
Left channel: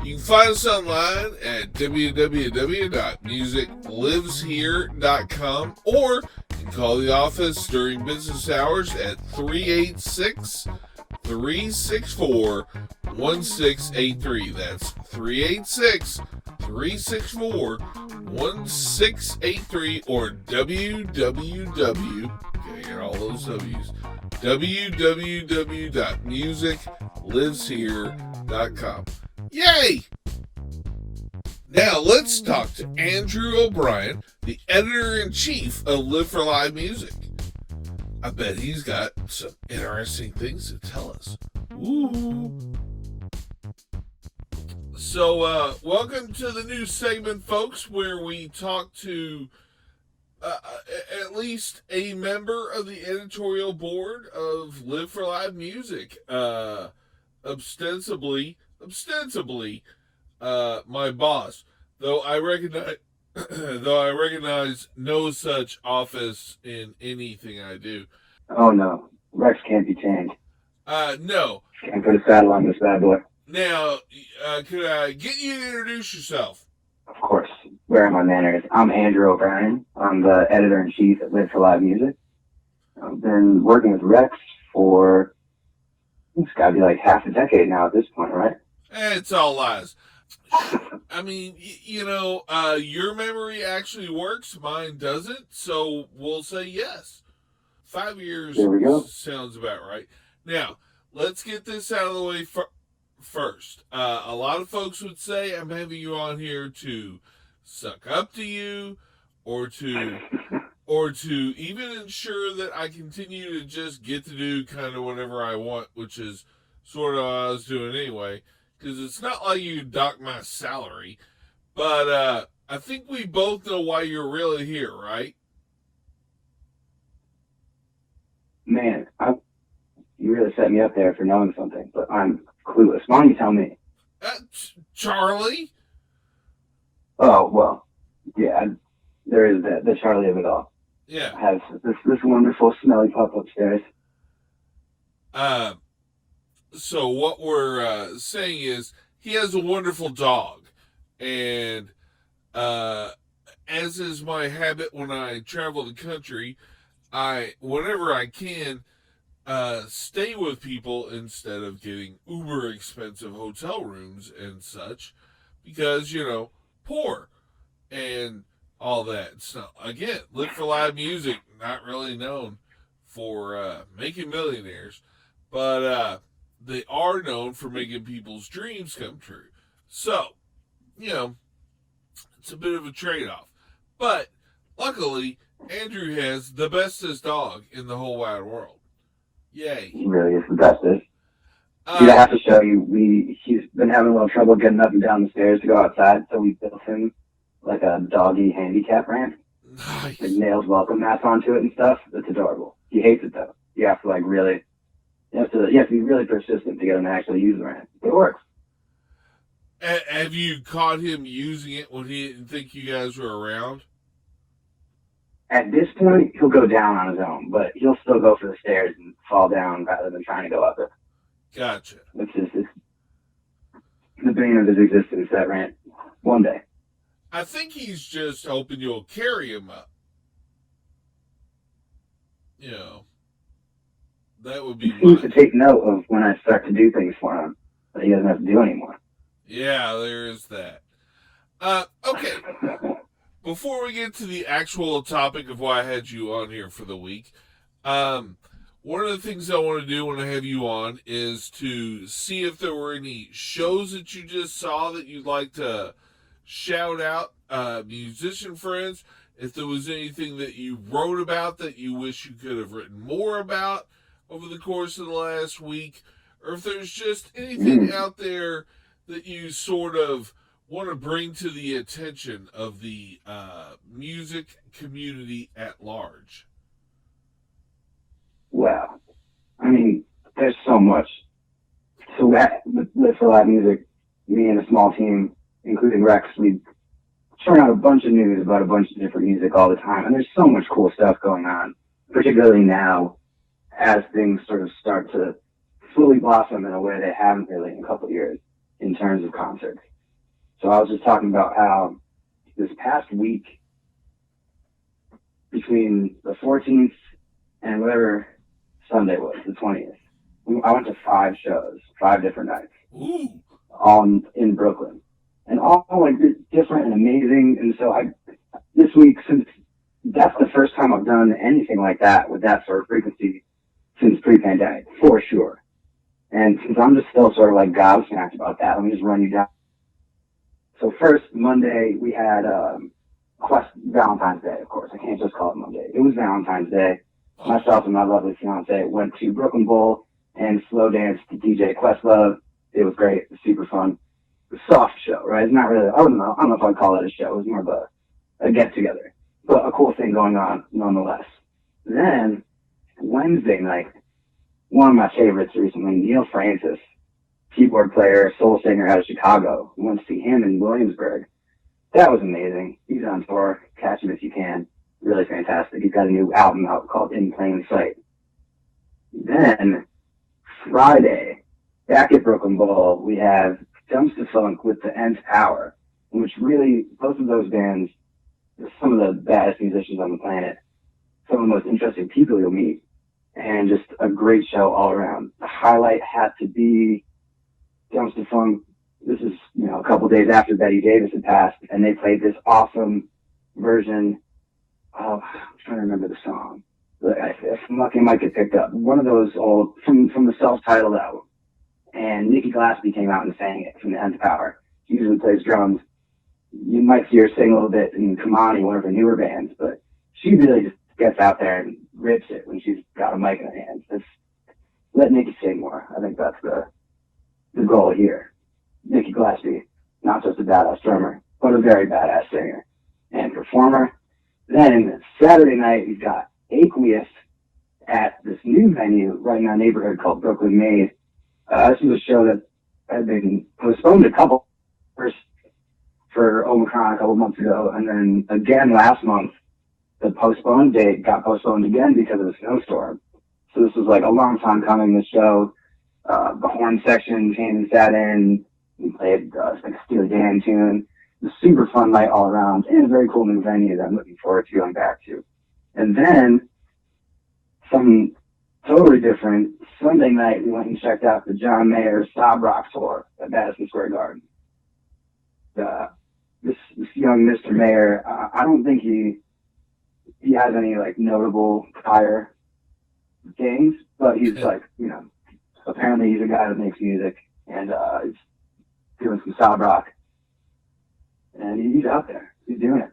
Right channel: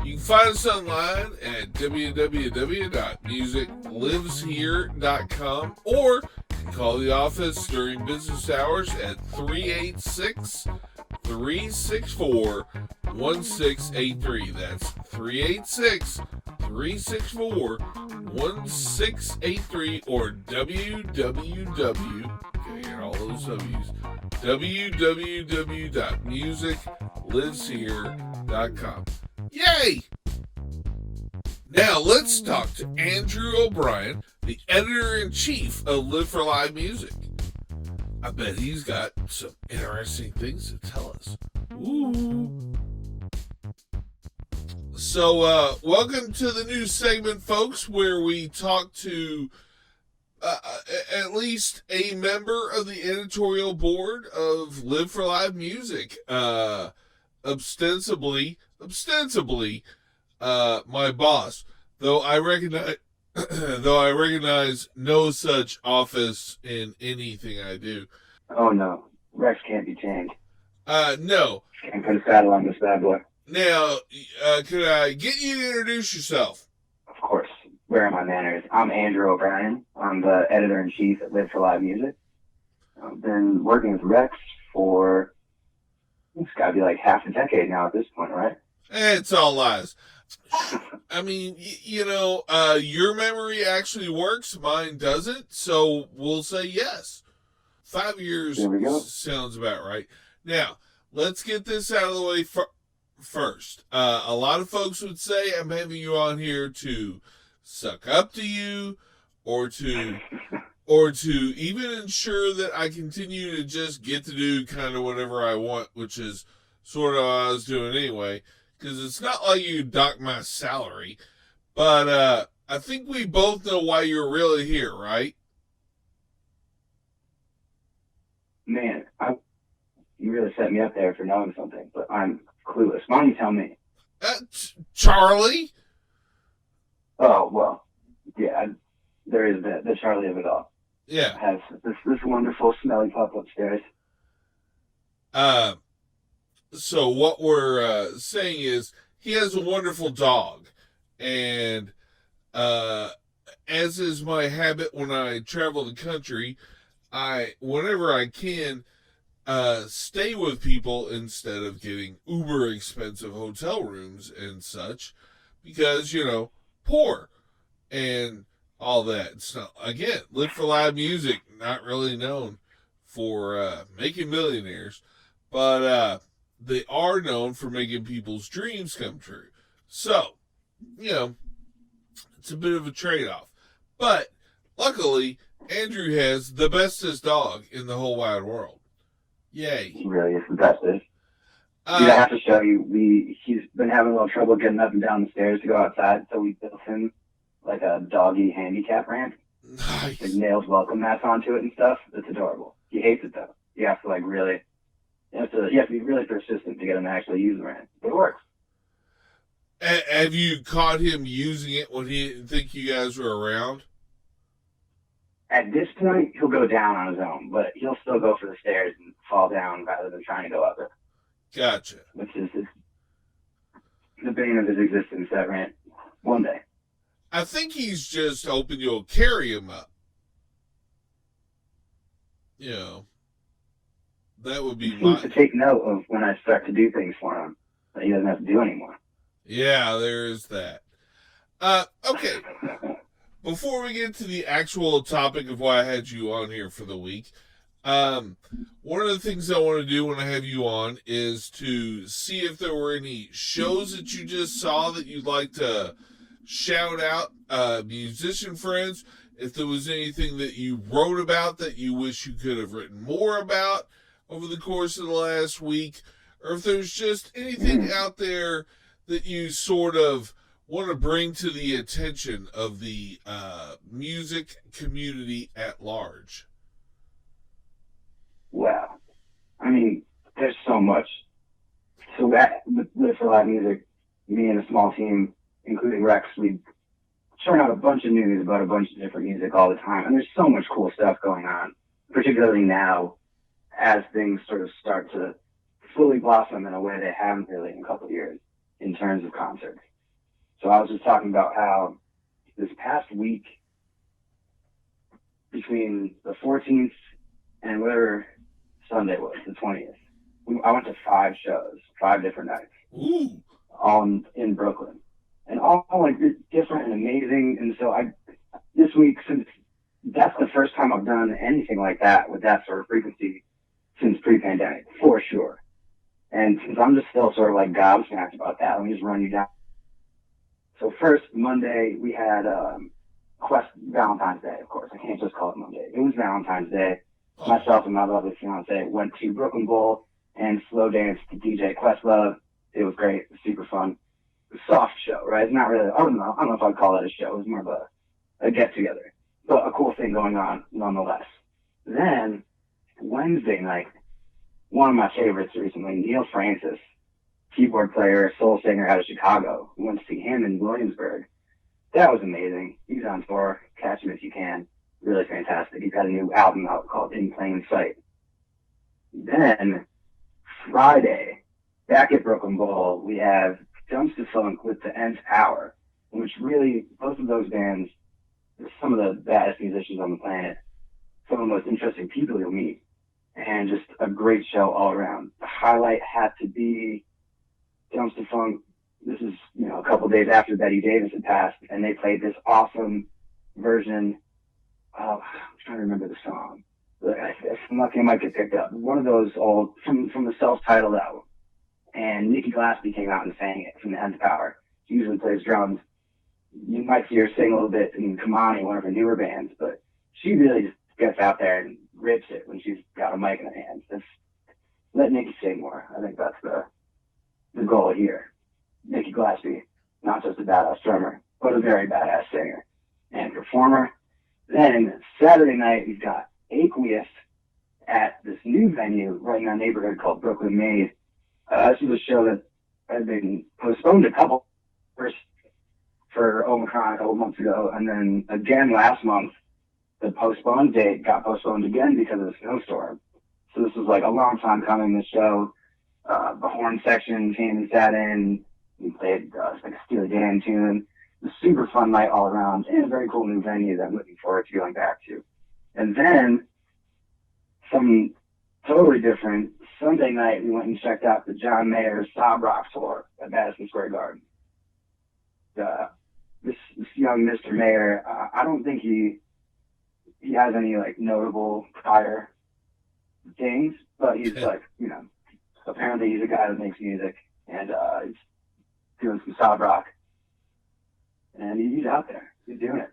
You can find us online at www.musicliveshere.com, or you can call the office during business hours at 386-364-1683. That's 386-364-1683, or www.musicliveshere.com. Yay! Now let's talk to Andrew O'Brien, the editor-in-chief of Live for Live Music. I bet he's got some interesting things to tell us. Ooh. So, welcome to the new segment, folks, where we talk to at least a member of the editorial board of Live for Live Music. Ostensibly, my boss, though I recognize no such office in anything I do. Oh no, Rex can't be tamed. No. Can't put a saddle on this bad boy. Now, could I get you to introduce yourself? Of course. Where are my manners? I'm Andrew O'Brien. I'm the editor-in-chief at Live for Live Music. I've been working with Rex for, it's got to be like half a decade now at this point, right? It's all lies. I mean, your memory actually works. Mine doesn't. So we'll say yes. 5 years sounds about right. Now, let's get this out of the way first. A lot of folks would say I'm having you on here to suck up to you, or to or to even ensure that I continue to just get to do kind of whatever I want, which is sort of what I was doing anyway, because it's not like you dock my salary, but I think we both know why you're really here, right? Man, you really set me up there for knowing something, but I'm clueless. Why don't you tell me? Charlie? Oh, well, yeah, there is the Charlie of it all. Yeah. Has this wonderful smelly pup upstairs. So what we're saying is he has a wonderful dog, and as is my habit when I travel the country, whenever I can, stay with people instead of getting uber expensive hotel rooms and such, because poor and all that. It's not, again, Live for Loud Music, not really known for making millionaires, but they are known for making people's dreams come true. So, it's a bit of a trade-off. But luckily, Andrew has the bestest dog in the whole wide world. Yay. He really is the bestest. I have to show you, he's been having a little trouble getting up and down the stairs to go outside, so we built him like a doggy handicap ramp. Nice. Like nails welcome mats onto it and stuff. It's adorable. He hates it though. You have to be really persistent to get him to actually use the ramp. It works. Have you caught him using it when he didn't think you guys were around? At this point, he'll go down on his own, but he'll still go for the stairs and fall down rather than trying to go up it. Gotcha. Which is the bane of his existence, that rant. One day. I think he's just hoping you'll carry him up. That would be. He needs to take note of when I start to do things for him that he doesn't have to do anymore. Yeah, there is that. Okay. Before we get to the actual topic of why I had you on here for the week, one of the things I want to do when I have you on is to see if there were any shows that you just saw that you'd like to shout out, musician friends, if there was anything that you wrote about that you wish you could have written more about over the course of the last week, or if there's just anything out there that you sort of want to bring to the attention of the music community at large. Well, I mean, there's so much. So with For Live Music, me and a small team, including Rex, we churn out a bunch of news about a bunch of different music all the time. And there's so much cool stuff going on, particularly now as things sort of start to fully blossom in a way they haven't really in a couple of years in terms of concerts. So I was just talking about how this past week, between the 14th and whatever Sunday was, the 20th, I went to 5 shows, 5 different nights. Ooh. All in Brooklyn. And all like different and amazing. And so this week, since that's the first time I've done anything like that with that sort of frequency since pre-pandemic, for sure. And since I'm just still sort of like gobsmacked about that, let me just run you down. So first, Monday, we had Valentine's Day, of course. I can't just call it Monday. It was Valentine's Day. Myself and my lovely fiance went to Brooklyn Bowl and slow danced to DJ Questlove. It was great. It was super fun. It was a soft show, right? It's not really, I don't know if I'd call it a show. It was more of a get-together. But a cool thing going on, nonetheless. Then, Wednesday night, one of my favorites recently, Neil Francis, keyboard player, soul singer out of Chicago. We went to see him in Williamsburg. That was amazing. He's on tour. Catch him if you can. Really fantastic. He's got a new album out called In Plain Sight. Then, Friday, back at Brooklyn Bowl, we have Dumpster Funk with the Nth Power, which really, both of those bands are some of the baddest musicians on the planet, some of the most interesting people you'll meet, and just a great show all around. The highlight had to be Dumpster Funk. This is, a couple days after Betty Davis had passed, and they played this awesome version of, I'm trying to remember the song. If I'm lucky, I might get picked up. One of those old, from the self-titled album. And Nikki Glaspie came out and sang it from the Nth Power. She usually plays drums. You might see her sing a little bit in Kamani, one of her newer bands, but she really just gets out there and rips it when she's got a mic in her hands. It's let Nikki sing more. I think that's the goal here. Nikki Glaspie, not just a badass drummer, but a very badass singer and performer. Then Saturday night, we've got Aqueous at this new venue right in our neighborhood called Brooklyn Made. This was a show that had been postponed a couple first for Omicron a couple months ago, and then again last month, the postponed date got postponed again because of the snowstorm. So this was like a long time coming, this show. The horn section came and sat in. We played like a Steely Dan tune. It was a super fun night all around, and a very cool new venue that I'm looking forward to going back to. And then, some totally different, Sunday night we went and checked out the John Mayer Sob Rock tour at Madison Square Garden. This young Mr. Mayer, I don't think he has any like notable prior things, but he's like, you know, apparently he's a guy that makes music, and he's doing some sob rock, and he's out there. He's doing it.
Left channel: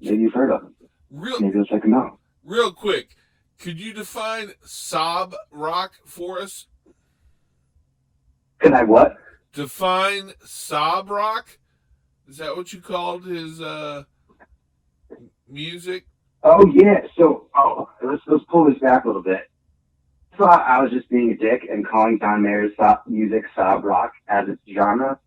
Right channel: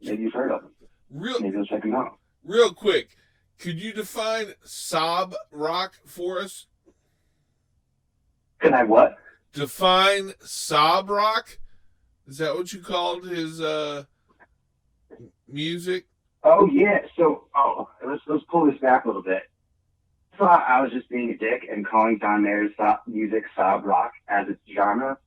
Maybe you've heard of him. Maybe you'll check him out. Real quick, could you define sob rock for us? Can I what? Define sob rock? Is that what you called his music? Oh yeah. So let's pull this back a little bit. I thought I was just being a dick and calling John Mayer's music sob rock as its genre.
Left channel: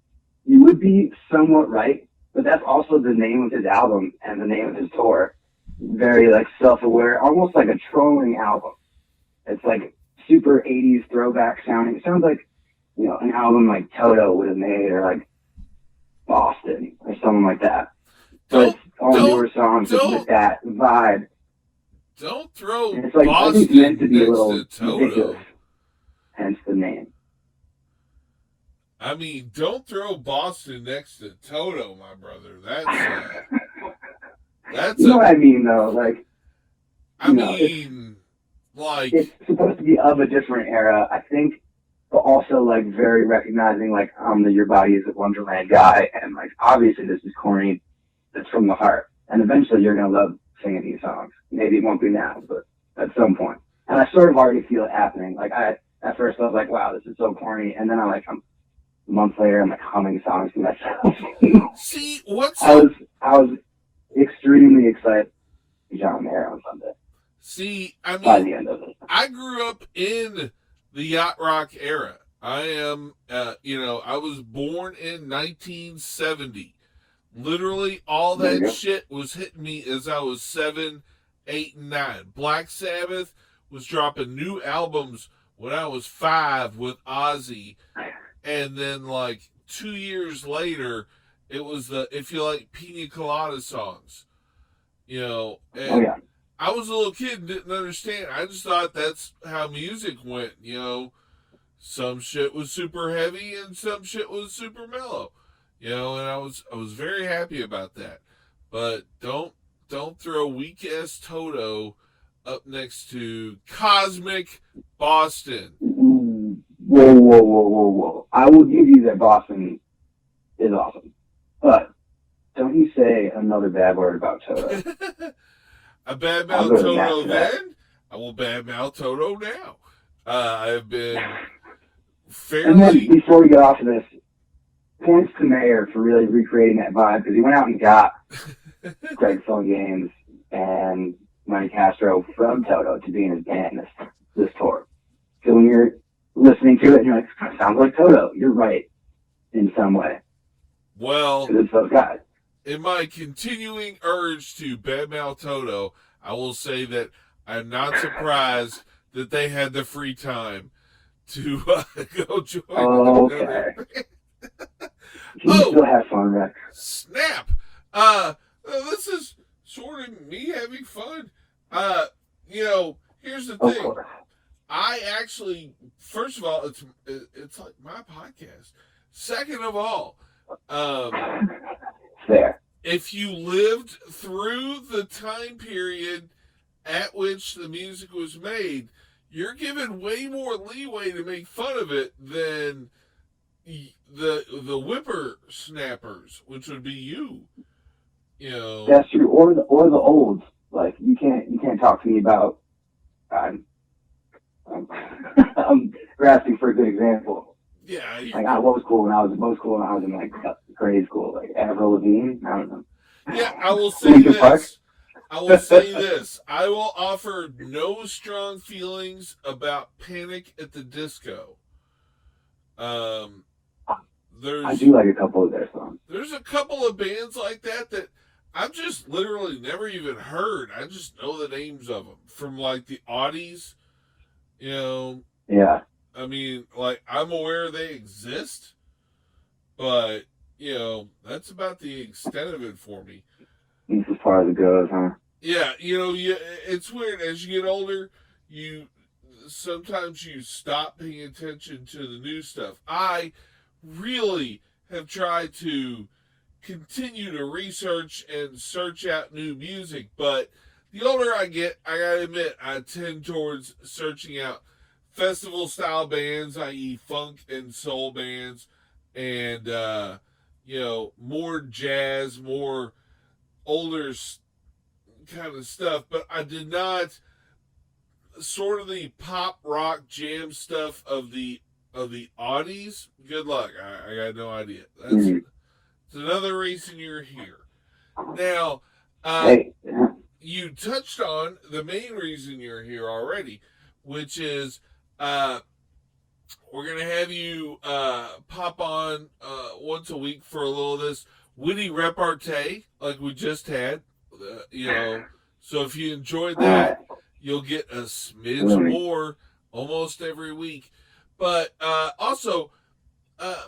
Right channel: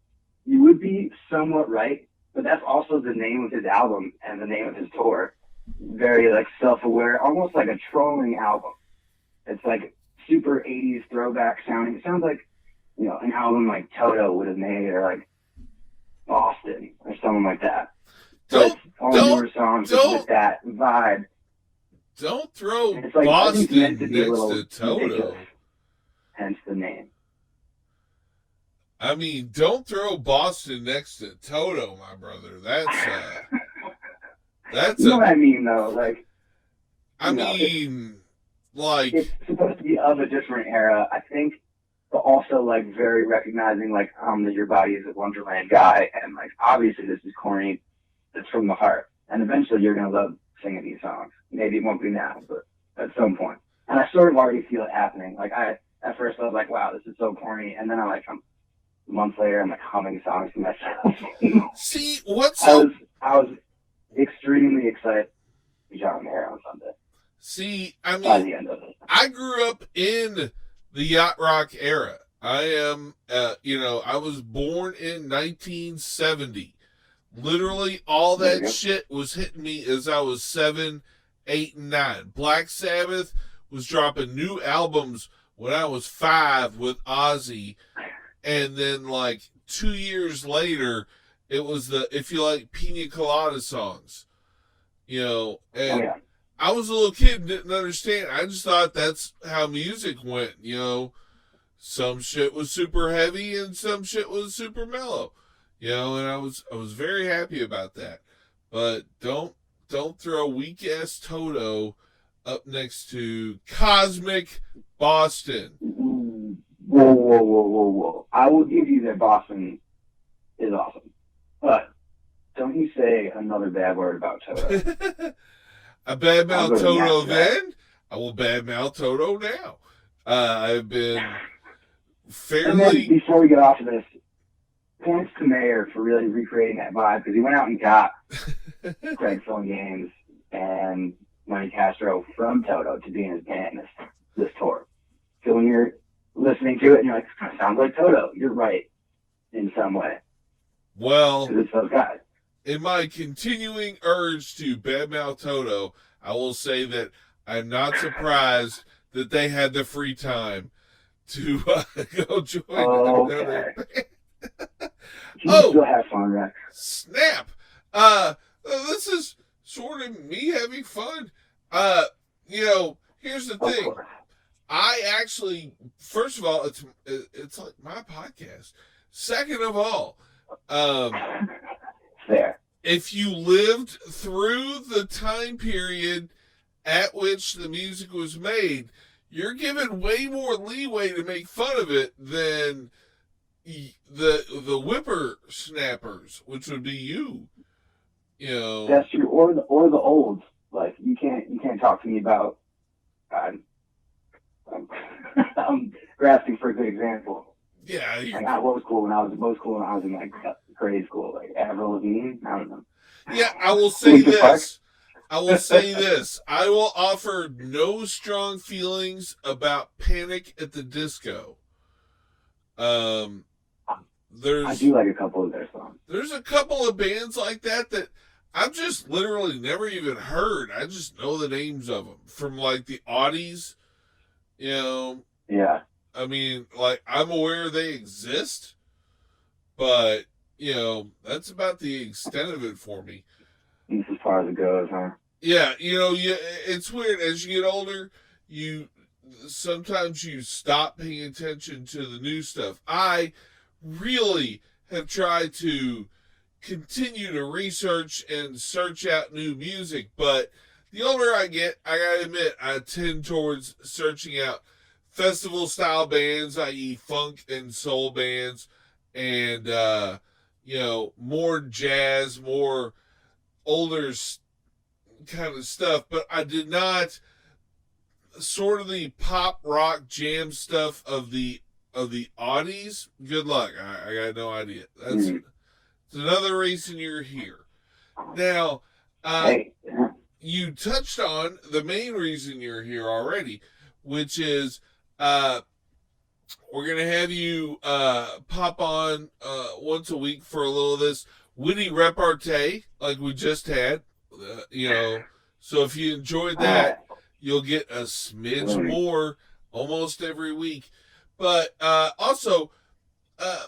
You would be somewhat right, but that's also the name of his album and the name of his tour. Very like self-aware, almost like a trolling album. It's like super 80s throwback sounding. It sounds like, you know, an album like Toto would have made, or like Boston or something like that. But all newer songs with that vibe. Don't throw like, Boston meant to be next a little to Toto. Ridiculous, hence the name. I mean, don't throw Boston next to Toto, my brother. That's you know what I mean, though. Like, I mean, like it's supposed to be of a different era, I think, but also like very recognizing, like, I'm the Your Body Is a Wonderland guy, and like obviously this is corny. It's from the heart, and eventually you're gonna love singing these songs. Maybe it won't be now, but at some point. And I sort of already feel it happening. Like at first I was like, wow, this is so corny, and then I'm months later, I'm like humming songs to myself. See, what's I was extremely excited to John Mayer on Sunday. See, I by mean, the end of it. I grew up in the yacht rock era. I am, I was born in 1970. Literally, all that shit was hitting me as I was 7, 8, and 9. Black Sabbath was dropping new albums when I was 5 with Ozzy. And then, like, 2 years later, it was the If You Like Pina Colada songs. You know, and I was a little kid and didn't understand. I just thought that's how music went, you know. Some shit was super heavy and some shit was super mellow. You know, and I was very happy about that. But don't throw weak ass Toto up next to Cosmic Boston. Whoa. I will give you that Boston is awesome. But don't you say another bad word about Toto. I badmouth Toto then. I will badmouth Toto now. I've been fairly... And then before we get off of this, points to Mayer for really recreating that vibe, because he went out and got Greg Phone Games and Manny Castro from Toto to be in his band this tour. So when you're listening to it and you're like, it sounds like Toto, you're right in some way. Well, it's those guys. In my continuing urge to badmouth Toto, I will say that I'm not surprised that they had the free time to go join another. You still have fun, Rex. Snap! This is sort of me having fun. Here's the thing. I actually, first of all, it's like my podcast. Second of all, there. If you lived through the time period at which the music was made, you're given way more leeway to make fun of it than the whippersnappers, which would be you. You know. That's true, or the olds Like, you can't talk to me about, I'm grasping for a good example. Yeah. Like, what was cool when I was in like grade school? Like Avril Lavigne? I don't know. Yeah, I will say this. I will offer no strong feelings about Panic at the Disco. I do like a couple of their songs. There's a couple of bands like that I've just literally never even heard. I just know the names of them from like the Audis, you know. Yeah. I mean, like, I'm aware they exist, but, you know, that's about the extent of it for me. That's as far as it goes, huh? Yeah, you know, it's weird. As you get older, sometimes you stop paying attention to the new stuff. I really have tried to continue to research and search out new music, but the older I get, I gotta admit, I tend towards searching out festival-style bands, i.e. funk and soul bands, and, you know, more jazz, more older kind of stuff, but I did not sort of the pop rock jam stuff of the Audis. Good luck. I got no idea. That's another reason you're here. Now, you touched on the main reason you're here already, which is we're going to have you pop on once a week for a little of this witty repartee like we just had. You know, so if you enjoyed that, you'll get a smidge more almost every week. But also, I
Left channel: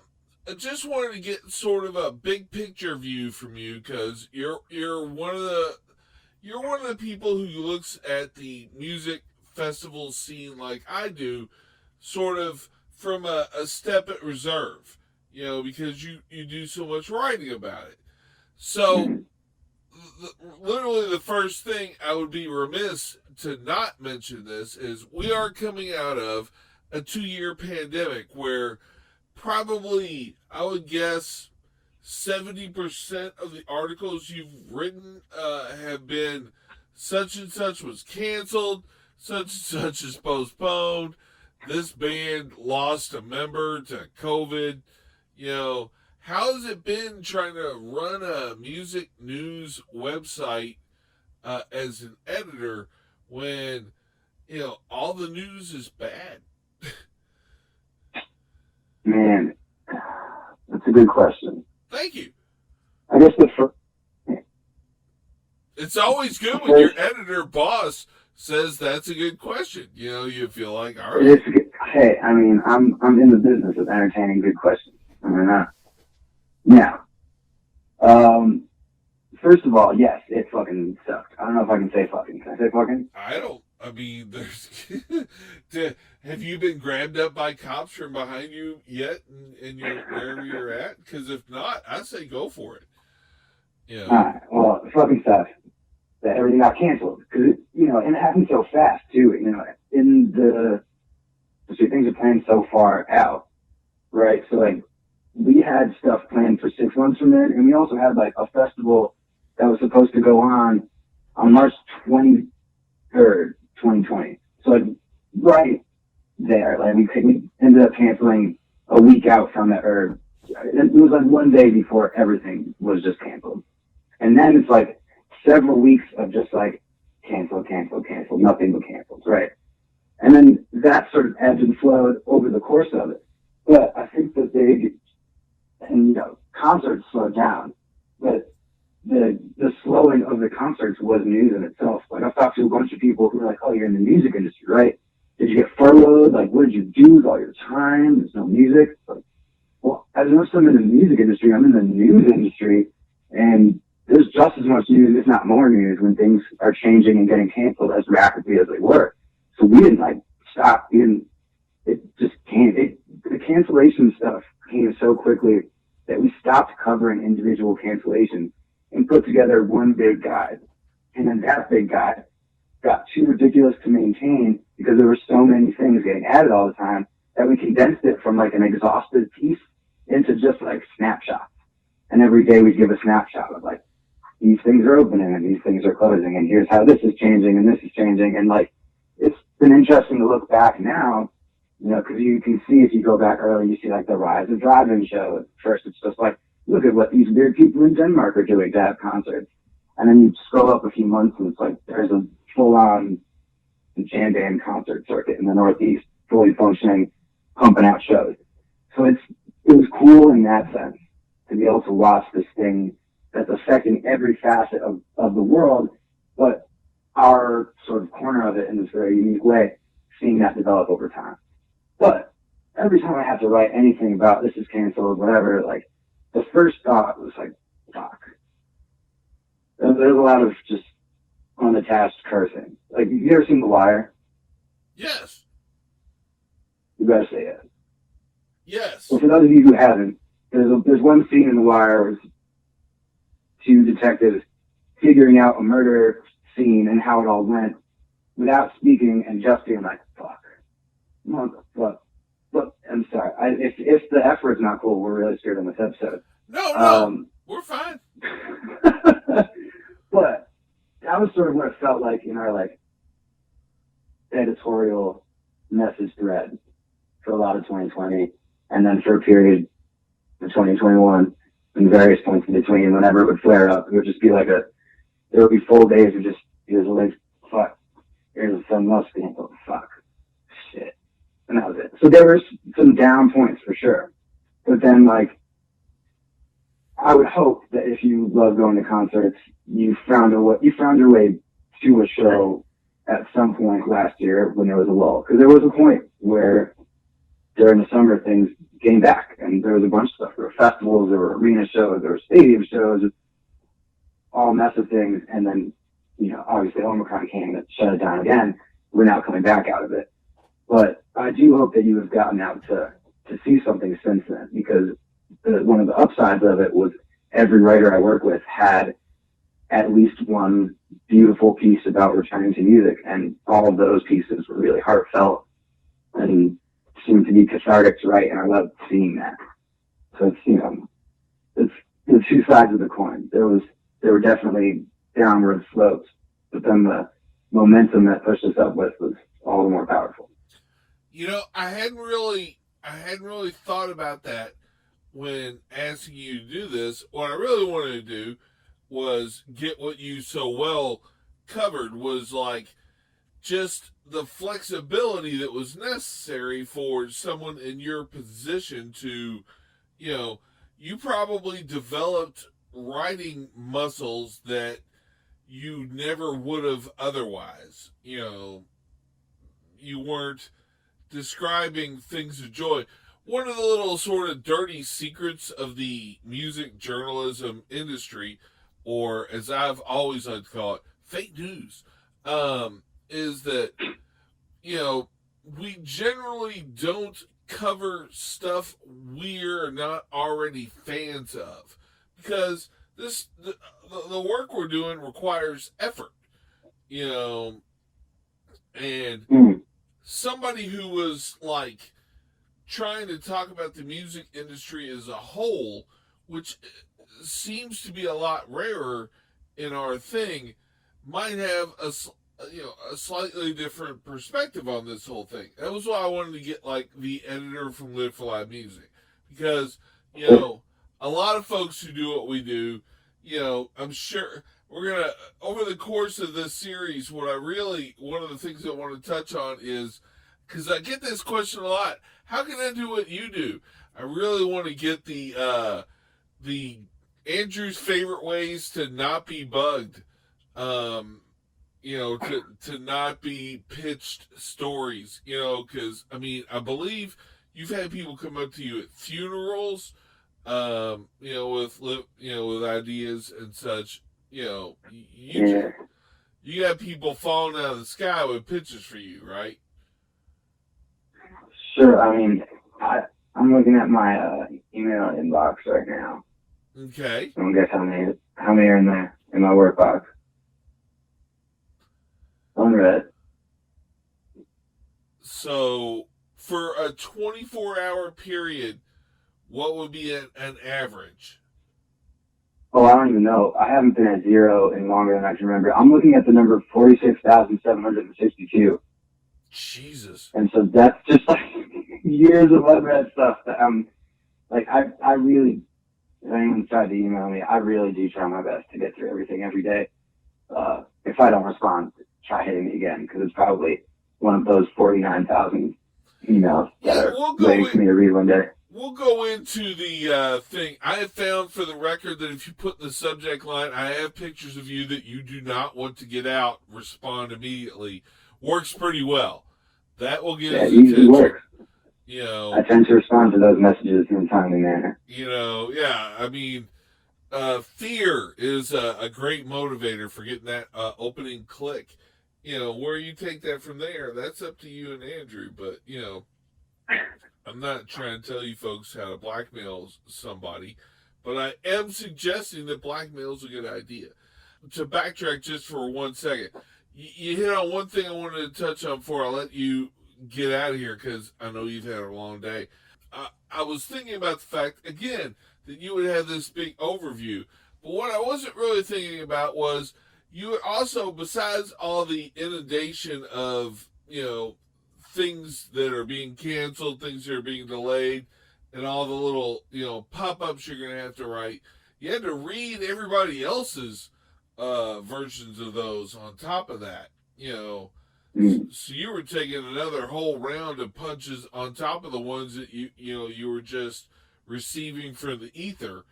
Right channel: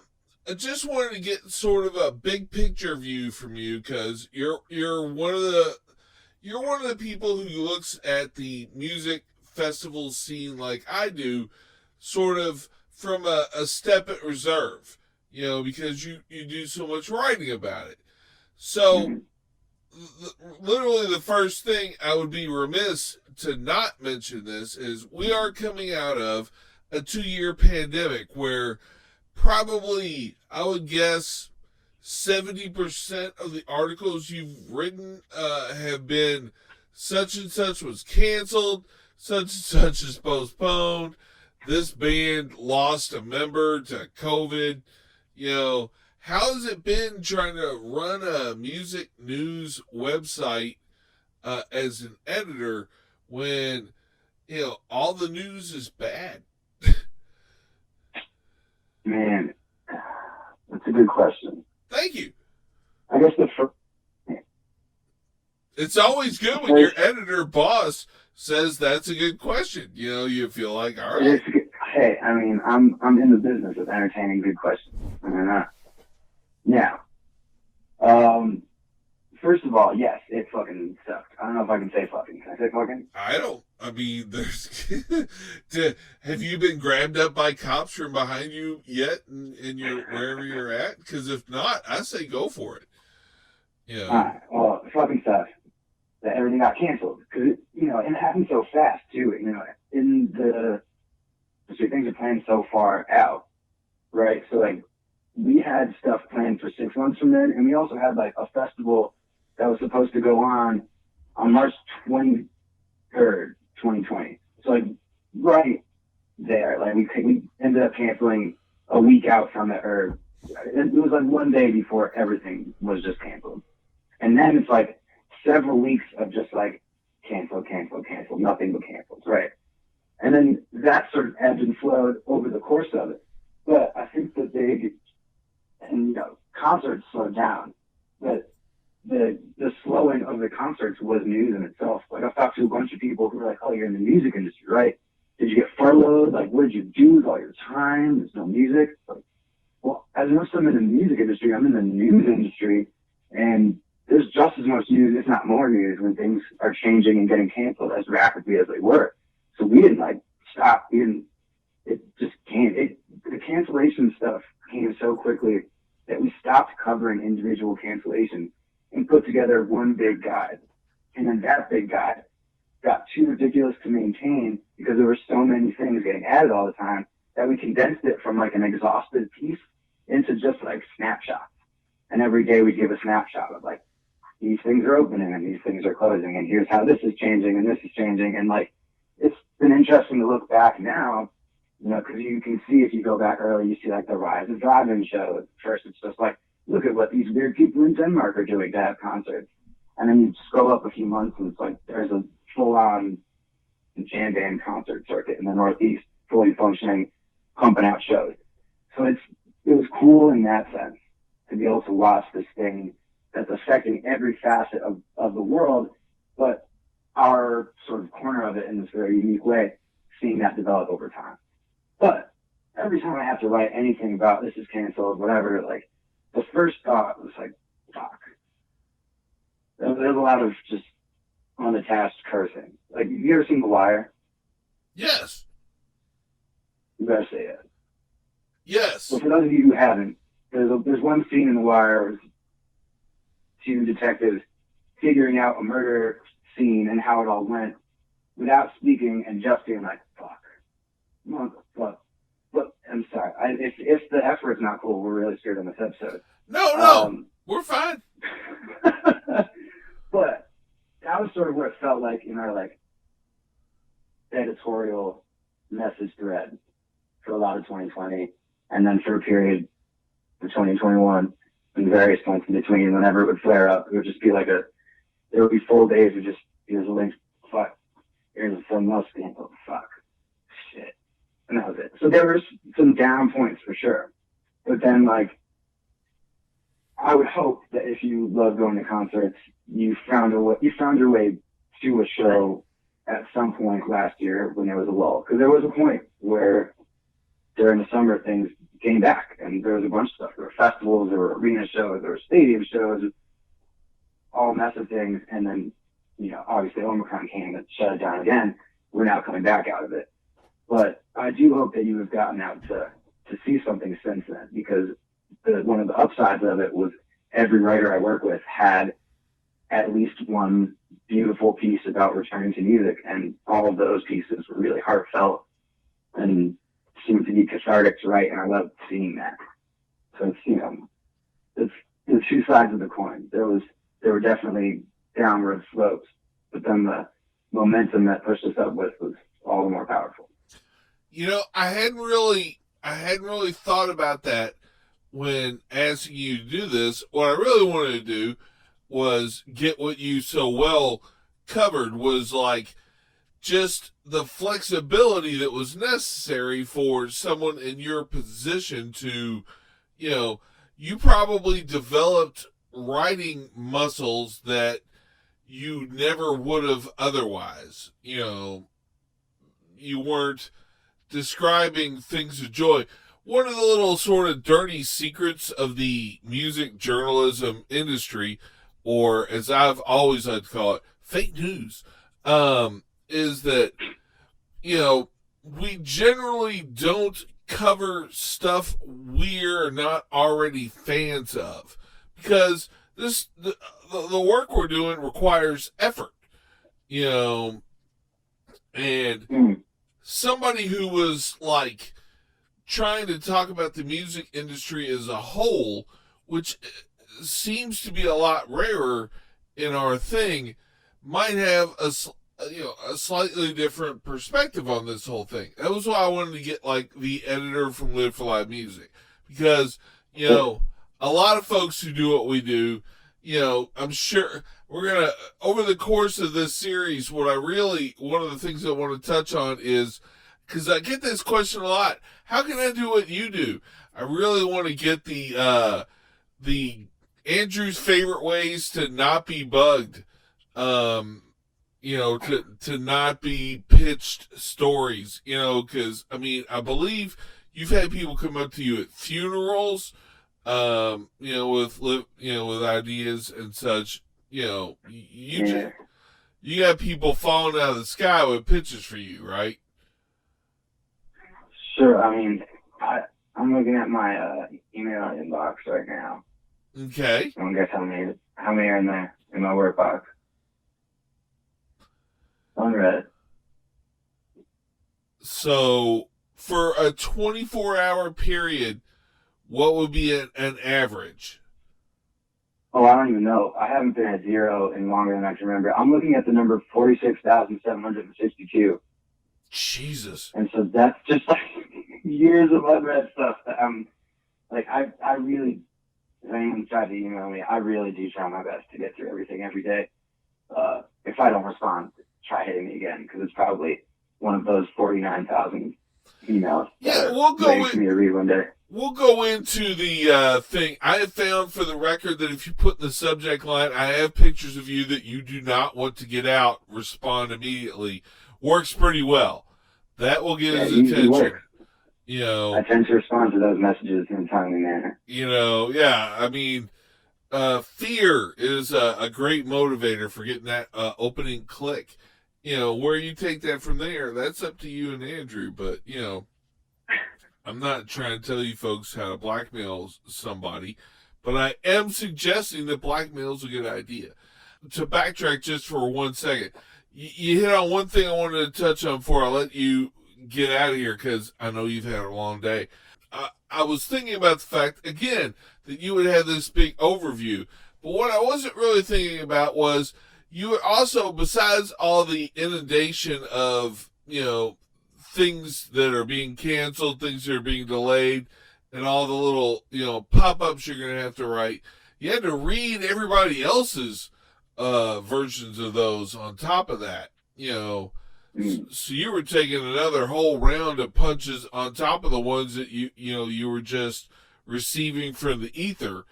just wanted to get sort of a big picture view from you, because you're one of the people who looks at the music festival scene like I do, sort of from a step at reserve, you know, because you do so much writing about it. So literally the first thing I would be remiss to not mention this is we are coming out of a 2-year pandemic where probably, I would guess, 70% of the articles you've written have been such and such was canceled, such and such is postponed, this band lost a member to COVID. You know, how has it been trying to run a music news website as an editor when, you know, all the news is bad? Man, that's a good question. Thank you. I guess it's always good when your editor boss says that's a good question. You know, you feel like, all right. Hey, I mean, I'm in the business of entertaining good questions. I mean, now, first of all, yes, it fucking sucked. I don't know if I can say fucking. Can I say fucking? I mean, there's. Have you been grabbed up by cops from behind you yet in your wherever you're at? Because if not, I say go for it. Yeah. All right. Well, it fucking sucks that everything got canceled. Because, you know, and it happened so fast, too. You know, things are planned so far out, right? So, like, we had stuff planned for 6 months from then, and we also had, like, a festival that was supposed to go on March 23rd, 2020. So, like, right there, like, we ended up canceling a week out from it, or it was, like, one day before everything was just canceled. And then it's, like, several weeks of just, like, cancel, nothing but cancels, right? And then that sort of ebbed and flowed over the course of it. But I think that concerts slowed down. But the slowing of the concerts was news in itself. Like, I've talked to a bunch of people who were like, oh, you're in the music industry, right? Did you get furloughed? Like, what did you do with all your time? There's no music. Like, well, as much as I'm in the music industry, I'm in the news industry, and there's just as much news, if not more news, when things are changing and getting canceled as rapidly as they were. So we didn't, like, stop. It just came. The cancellation stuff came so quickly that we stopped covering individual cancellations and put together one big guide. And then that big guide got too ridiculous to maintain because there were so many things getting added all the time that we condensed it from, like, an exhaustive piece into just, like, snapshots. And every day we'd give a snapshot of, like, these things are opening and these things are closing, and here's how this is changing and this is changing. And like, it's been interesting to look back now, you know, because you can see if you go back early, you see like the rise of drive-in shows. First, it's just like, look at what these weird people in Denmark are doing to have concerts. And then you scroll up a few months and it's like, there's a full-on jam band concert circuit in the Northeast, fully functioning, pumping out shows. So it was cool in that sense to be able to watch this thing that's affecting every facet of the world, but our sort of corner of it in this very unique way, seeing that develop over time. But every time I have to write anything about this is canceled, whatever, like, the first thought was like, fuck. There's a lot of just unattached cursing. Like, you ever seen The Wire? Yes. You better say it. Yes. Well, for those of you who haven't, there's one scene in The Wire where it's two detectives figuring out a murder scene and how it all went without speaking and just being like, fuck. Motherfucker. But I'm sorry. If the F word's not cool, we're really scared on this episode. No, we're fine. But that was sort of what it felt like in our like editorial message thread for a lot of 2020, and then for a period of 2021, and various points in between, whenever it would flare up, it would just be like there would be full days of just, here's a link, fuck, here's something else scandal, fuck, shit, and that was it. So there were some down points for sure, but then like, I would hope that if you love going to concerts, you found your way to a show at some point last year when there was a lull. Because there was a point where during the summer things came back, and there was a bunch of stuff. There were festivals, there were arena shows, there were stadium shows, all massive things. And then, you know, obviously Omicron came and shut it down again. We're now coming back out of it. But I do hope that you have gotten out to see something since then, because one of the upsides of it was every writer I work with had at least one beautiful piece about returning to music, and all of those pieces were really heartfelt and seemed to be cathartic to write, and I loved seeing that. So it's, you know, it's the two sides of the coin. There were definitely downward slopes, but then the momentum that pushed us up with was all the more powerful. You know, I hadn't really thought about that when asking you to do this. What I really wanted to do was get what you so well covered, was like just the flexibility that was necessary for someone in your position to, you know, you probably developed writing muscles that you never would have otherwise. You know, you weren't describing things of joy. One of the little sort of dirty secrets of the music journalism industry, or as I've always had to call it, fake news, is that, you know, we generally don't cover stuff we're not already fans of, because the work we're doing requires effort, you know, and somebody who was like trying to talk about the music industry as a whole, which seems to be a lot rarer in our thing, might have a slightly different perspective on this whole thing. That was why I wanted to get like the editor from Live for Live Music, because, you know, a lot of folks who do what we do, you know, I'm sure we're gonna, over the course of this series, one of the things I want to touch on is, because I get this question a lot, how can I do what you do? I really want to get the Andrew's favorite ways to not be bugged, you know, to not be pitched stories, you know, because, I mean, I believe you've had people come up to you at funerals, you know, with ideas and such, you know, you got people falling out of the sky with pitches for you, right? Sure. I mean, I'm looking at my email inbox right now. Okay. I don't guess how many are in there in my work box. Unread. So, for a 24-hour period, what would be an average? Oh, I don't even know. I haven't been at zero in longer than I can remember. I'm looking at the number 46,762. Jesus. And so that's just like years of unread stuff that I'm like, I really, if anyone tried to email me, I really do try my best to get through everything every day. If I don't respond, try hitting me again, because it's probably one of those 49,000 emails that are waiting for me to read one day. We'll go into the thing. I have found, for the record, that if you put in the subject line, I have pictures of you that you do not want to get out, respond immediately. Works pretty well. That will get his attention. Works. You know, I tend to respond to those messages in a timely manner. You know, yeah. I mean, fear is a great motivator for getting that opening click. You know, where you take that from there, that's up to you and Andrew. But, you know, I'm not trying to tell you folks how to blackmail somebody, but I am suggesting that blackmail is a good idea. To backtrack just for 1 second, you hit on one thing I wanted to touch on before I let you get out of here, because I know you've had a long day. I was thinking about the fact, again, that you would have this big overview, but what I wasn't really thinking about was you would also, besides all the inundation of, you know, things that are being canceled, things that are being delayed, and all the little, you know, pop-ups you're going to have to write, you had to read everybody else's versions of those on top of that, you know. So you were taking another whole round of punches on top of the ones that you were just receiving from the ether.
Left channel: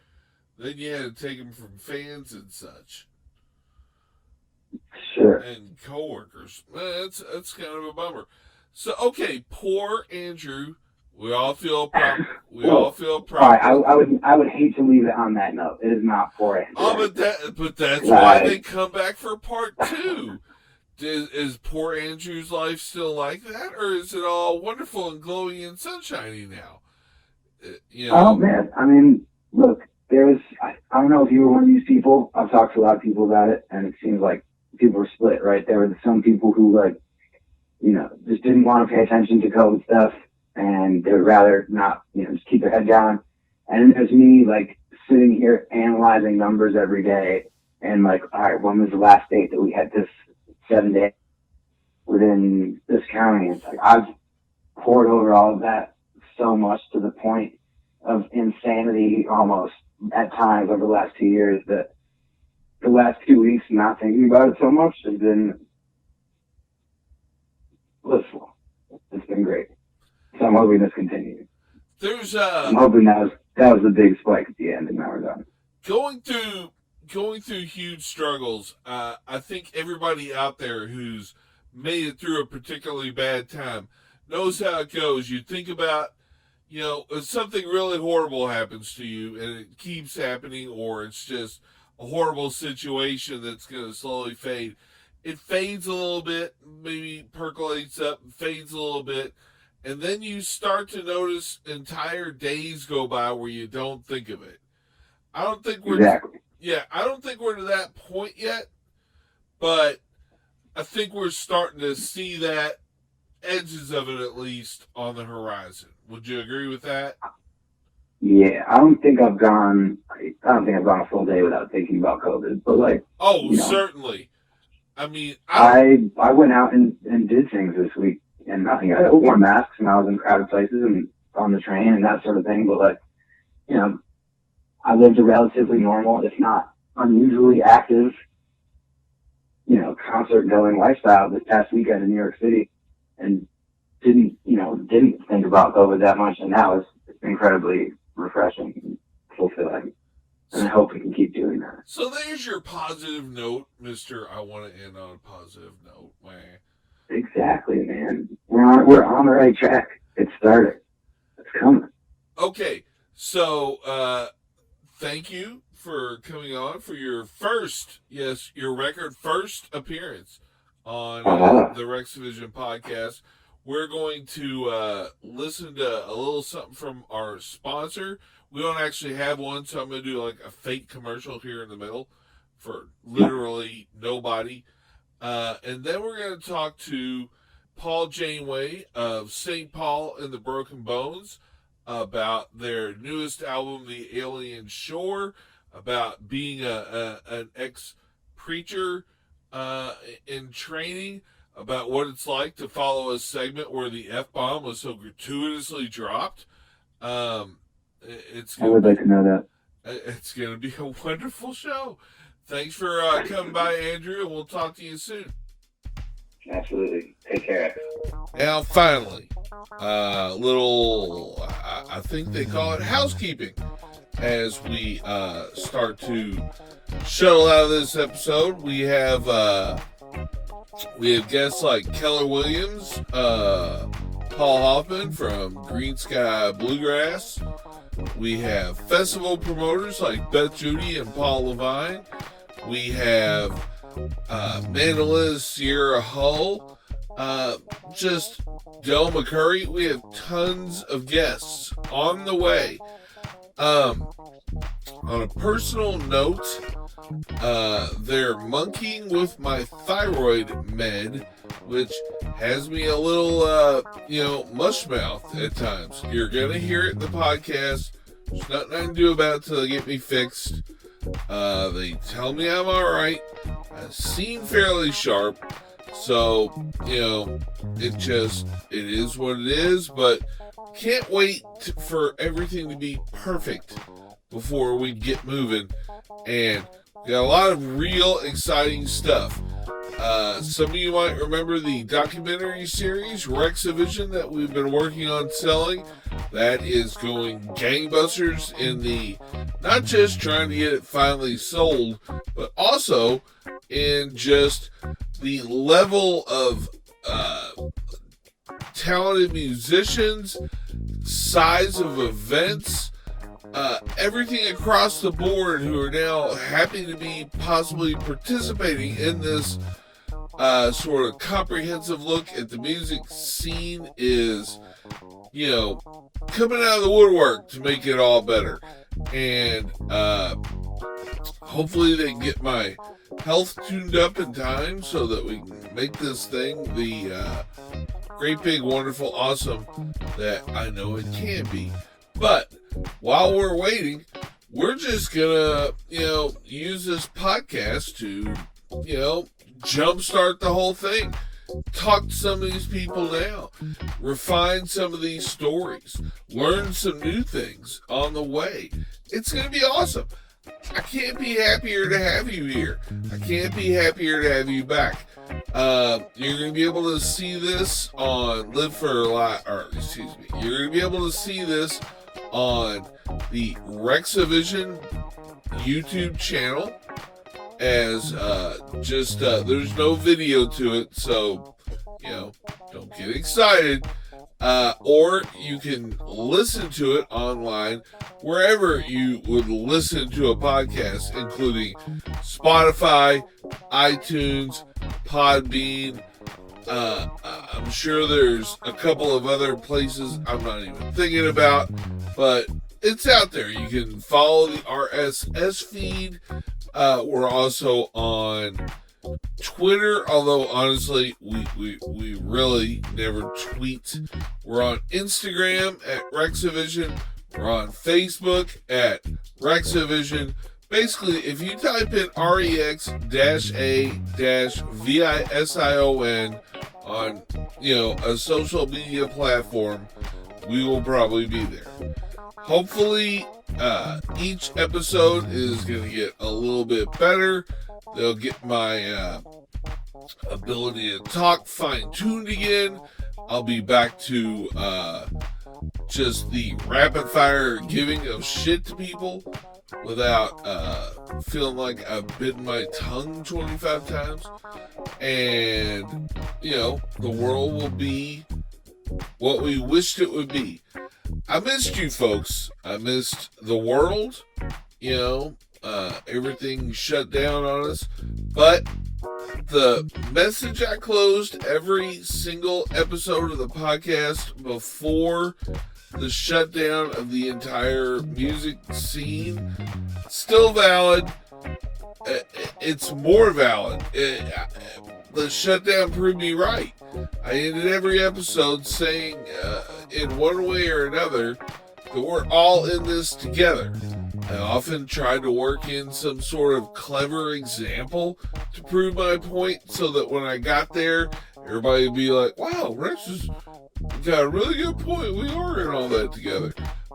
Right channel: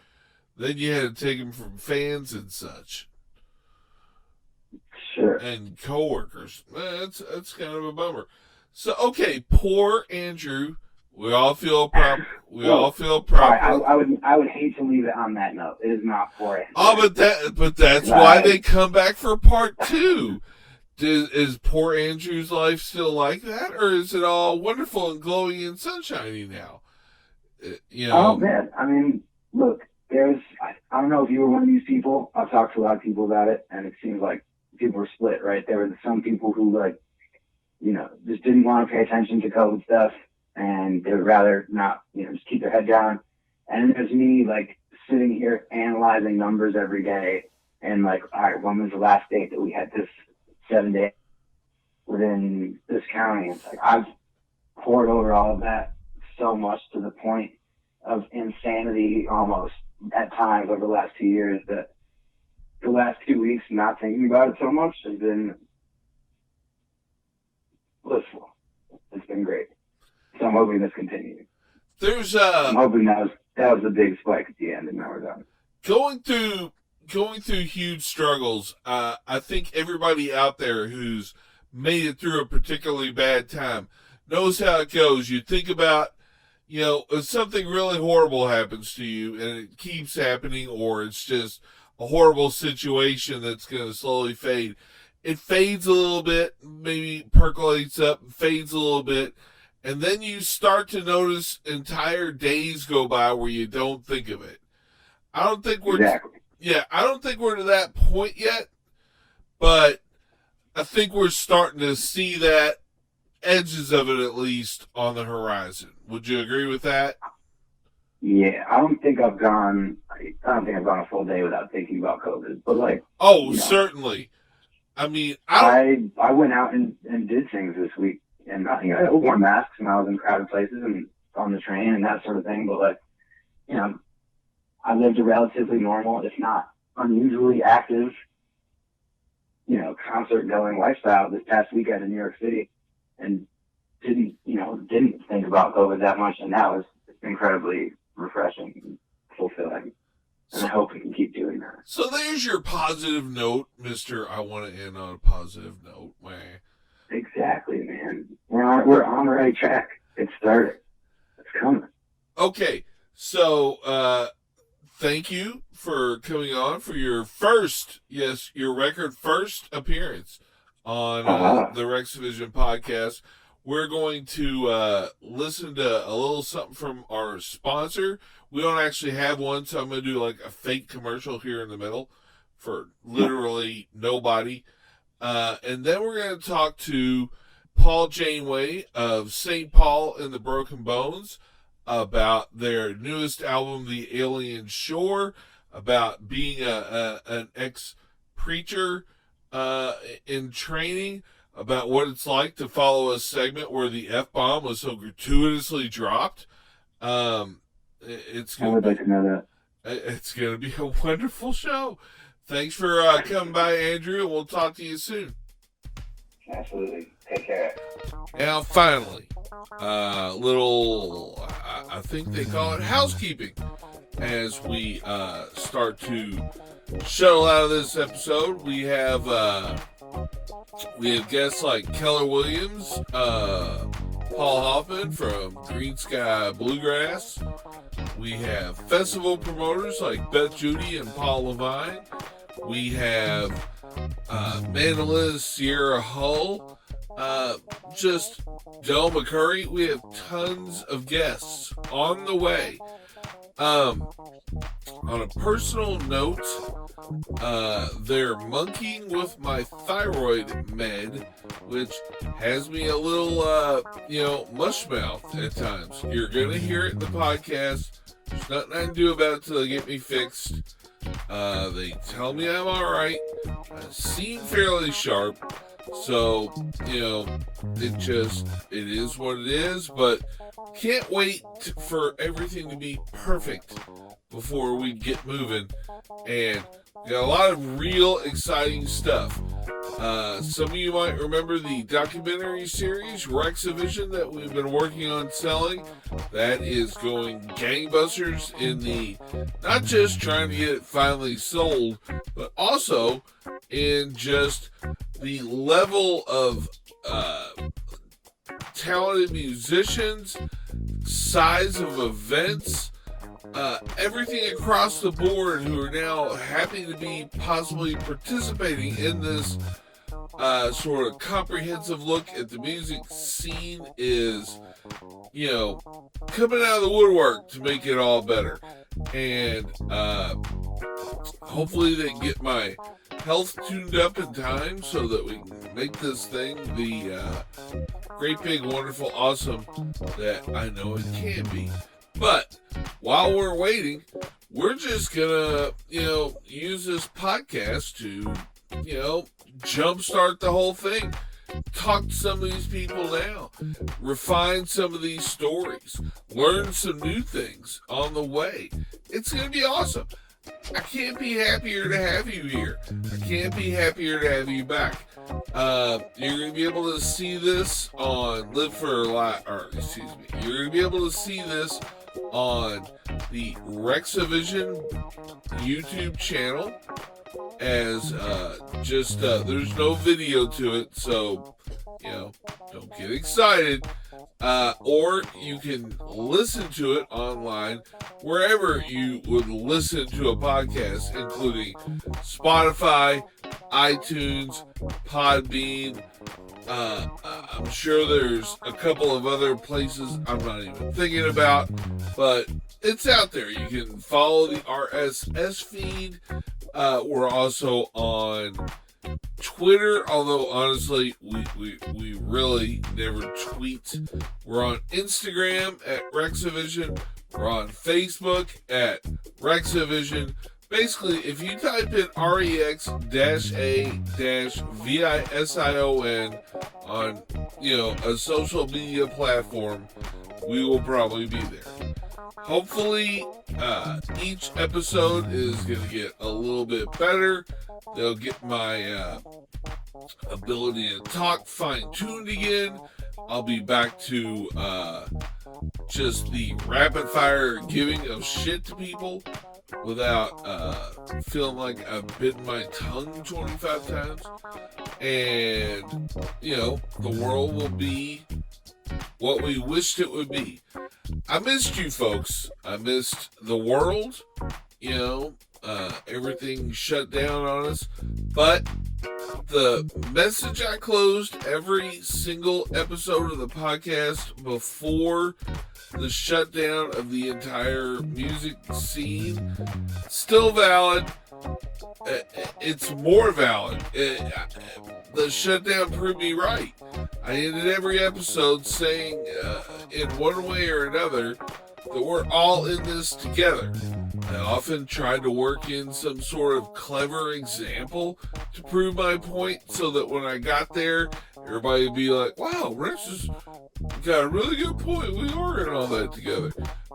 Then you had to take them from fans and such. Sure. And coworkers. That's kind of a bummer. So, okay, poor Andrew. We all feel proper. All right, I would hate to leave it on that note. It is not poor Andrew. Oh, but that's why they come back for part 2. Is poor Andrew's life still like that, or is it all wonderful and glowing and sunshiny now? You know? Oh man, I mean, look, I don't know if you were one of these people. I've talked to a lot of people about it, and it seems like people were split, right? There were some people who, like, you know, just didn't want to pay attention to COVID stuff, and they would rather not, you know, just keep their head down. And there's me, like, sitting here analyzing numbers every day, and like, all right, when was the last date that we had this 7 days within this county? It's like I've poured over all of that so much to the point of insanity almost at times over the last 2 years that the last 2 weeks not thinking about it so much has been blissful. It's been great. So I'm hoping this continues. I'm hoping that was the big spike at the end and now we're done. Going through huge struggles. I think everybody out there who's made it through a particularly bad time knows how it goes. You think about, you know, if something really horrible happens to you and it keeps happening, or it's just a horrible situation that's going to slowly fade. It fades a little bit, maybe percolates up, fades a little bit, and then you start to notice entire days go by where you don't think of it. I don't think we're to that point yet, but I think we're starting to see that, edges of it at least, on the horizon. Would you agree with that? Yeah, I don't think I've gone a full day without thinking about COVID, but like. Oh, you know, certainly. I mean, I went out and did things this week, and I wore masks and I was in crowded places and on the train and that sort of thing, but like, you know, I lived a relatively normal, if not unusually active, you know, concert-going lifestyle this past weekend in New York City, and didn't think about COVID that much, and that was incredibly refreshing and fulfilling. And I hope we can keep doing that. So there's your positive note, Mr. I want to end on a positive note, man. Exactly, man. We're on the right track. It's started. It's coming. Okay, so thank you for coming on for your record first appearance on the Rex Division podcast. We're going to listen to a little something from our sponsor. We don't actually have one, so I'm going to do like a fake commercial here in the middle for literally nobody. And then we're going to talk to Paul Janeway of St. Paul and the Broken Bones about their newest album, The Alien Shore. about being an ex-preacher in training, about what it's like to follow a segment where the F-bomb was so gratuitously dropped. I would like to know that. It's going to be a wonderful show. Thanks for coming by, Andrew. We'll talk to you soon. Absolutely. Take care. Now, finally, little, I think they call it housekeeping, as we start to shuttle out of this episode. We have guests like Keller Williams, Paul Hoffman from Green Sky Bluegrass. We have festival promoters like Beth Judy and Paul Levine. We have mandolin Sierra Hull, just Del McCurry. We have tons of guests on the way. On a personal note, they're monkeying with my thyroid med, which has me a little, mush mouth at times. You're going to hear it in the podcast. There's nothing I can do about it till they get me fixed. They tell me I'm alright. I seem fairly sharp. So, it is what it is, but can't wait for everything to be perfect before we get moving. And we got a lot of real exciting stuff. Some of you might remember the documentary series, Rexivision, that we've been working on selling. That is going gangbusters in the, not just trying to get it finally sold, but also in just the level of talented musicians, size of events, everything across the board who are now happy to be possibly participating in this sort of comprehensive look at the music scene is, coming out of the woodwork to make it all better. And hopefully they can get my health tuned up in time so that we can make this thing the great, big, wonderful, awesome that I know it can be. But while we're waiting, we're just gonna, use this podcast to, jumpstart the whole thing. Talk to some of these people now. Refine some of these stories. Learn some new things on the way. It's gonna be awesome. I can't be happier to have you here. I can't be happier to have you back. You're going to be able to see this on You're going to be able to see this on the Rexivision YouTube channel as there's no video to it, so don't get excited. Or you can listen to it online wherever you would listen to a podcast, including Spotify, iTunes, Podbean. I'm sure there's a couple of other places I'm not even thinking about, but it's out there. You can follow the RSS feed. We're also on Twitter, although honestly we really never tweet. We're on Instagram at Rexivision. We're on Facebook at Rexivision. Basically, if you type in REX-A-VISION on a social media platform, we will probably be there. Hopefully, each episode is going to get a little bit better. They'll get my ability to talk fine-tuned again. I'll be back to just the rapid-fire giving of shit to people without feeling like I've bitten my tongue 25 times. And, the world will be what we wished it would be. I missed you folks. I missed the world. Everything shut down on us. But the message I closed every single episode of the podcast before the shutdown of the entire music scene, still valid. It's more valid. The shutdown proved me right. I ended every episode saying, in one way or another, that we're all in this together. I often tried to work in some sort of clever example to prove my point so that when I got there, everybody would be like, wow, Rex has got a really good point. We are in all that together.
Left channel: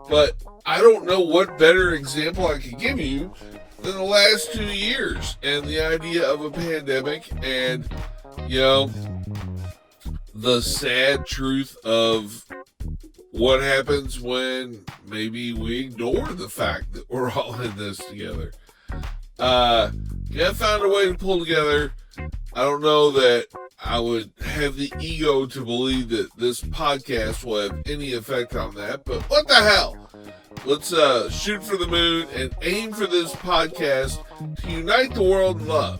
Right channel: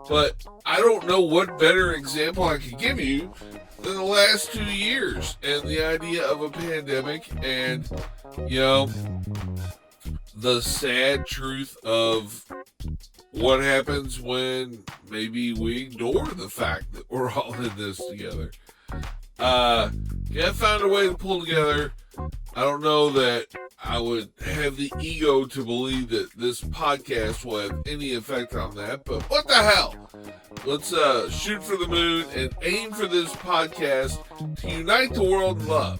But I don't know what better example I could give you than the last 2 years and the idea of a pandemic and, the sad truth of what happens when maybe we ignore the fact that we're all in this together. I found a way to pull together. I don't know that I would have the ego to believe that this podcast will have any effect on that, but what the hell? Let's shoot for the moon and aim for this podcast to unite the world in love.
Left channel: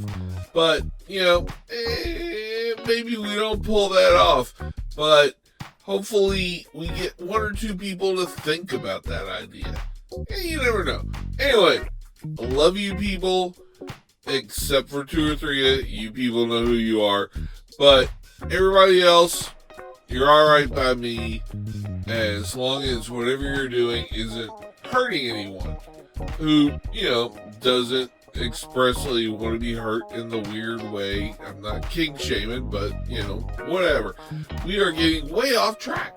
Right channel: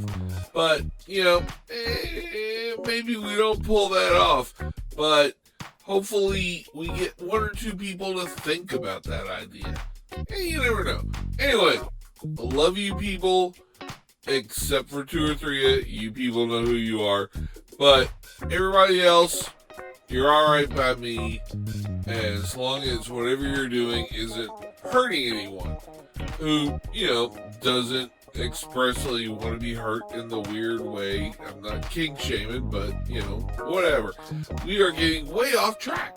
But, maybe we don't pull that off, but hopefully we get one or two people to think about that idea. And you never know. Anyway, I love you people, except for 2 or 3 of you people know who you are. But everybody else, you're alright by me, as long as whatever you're doing isn't hurting anyone who, doesn't expressly want to be hurt in the weird way. I'm not king shaming, but, whatever. We are getting way off track.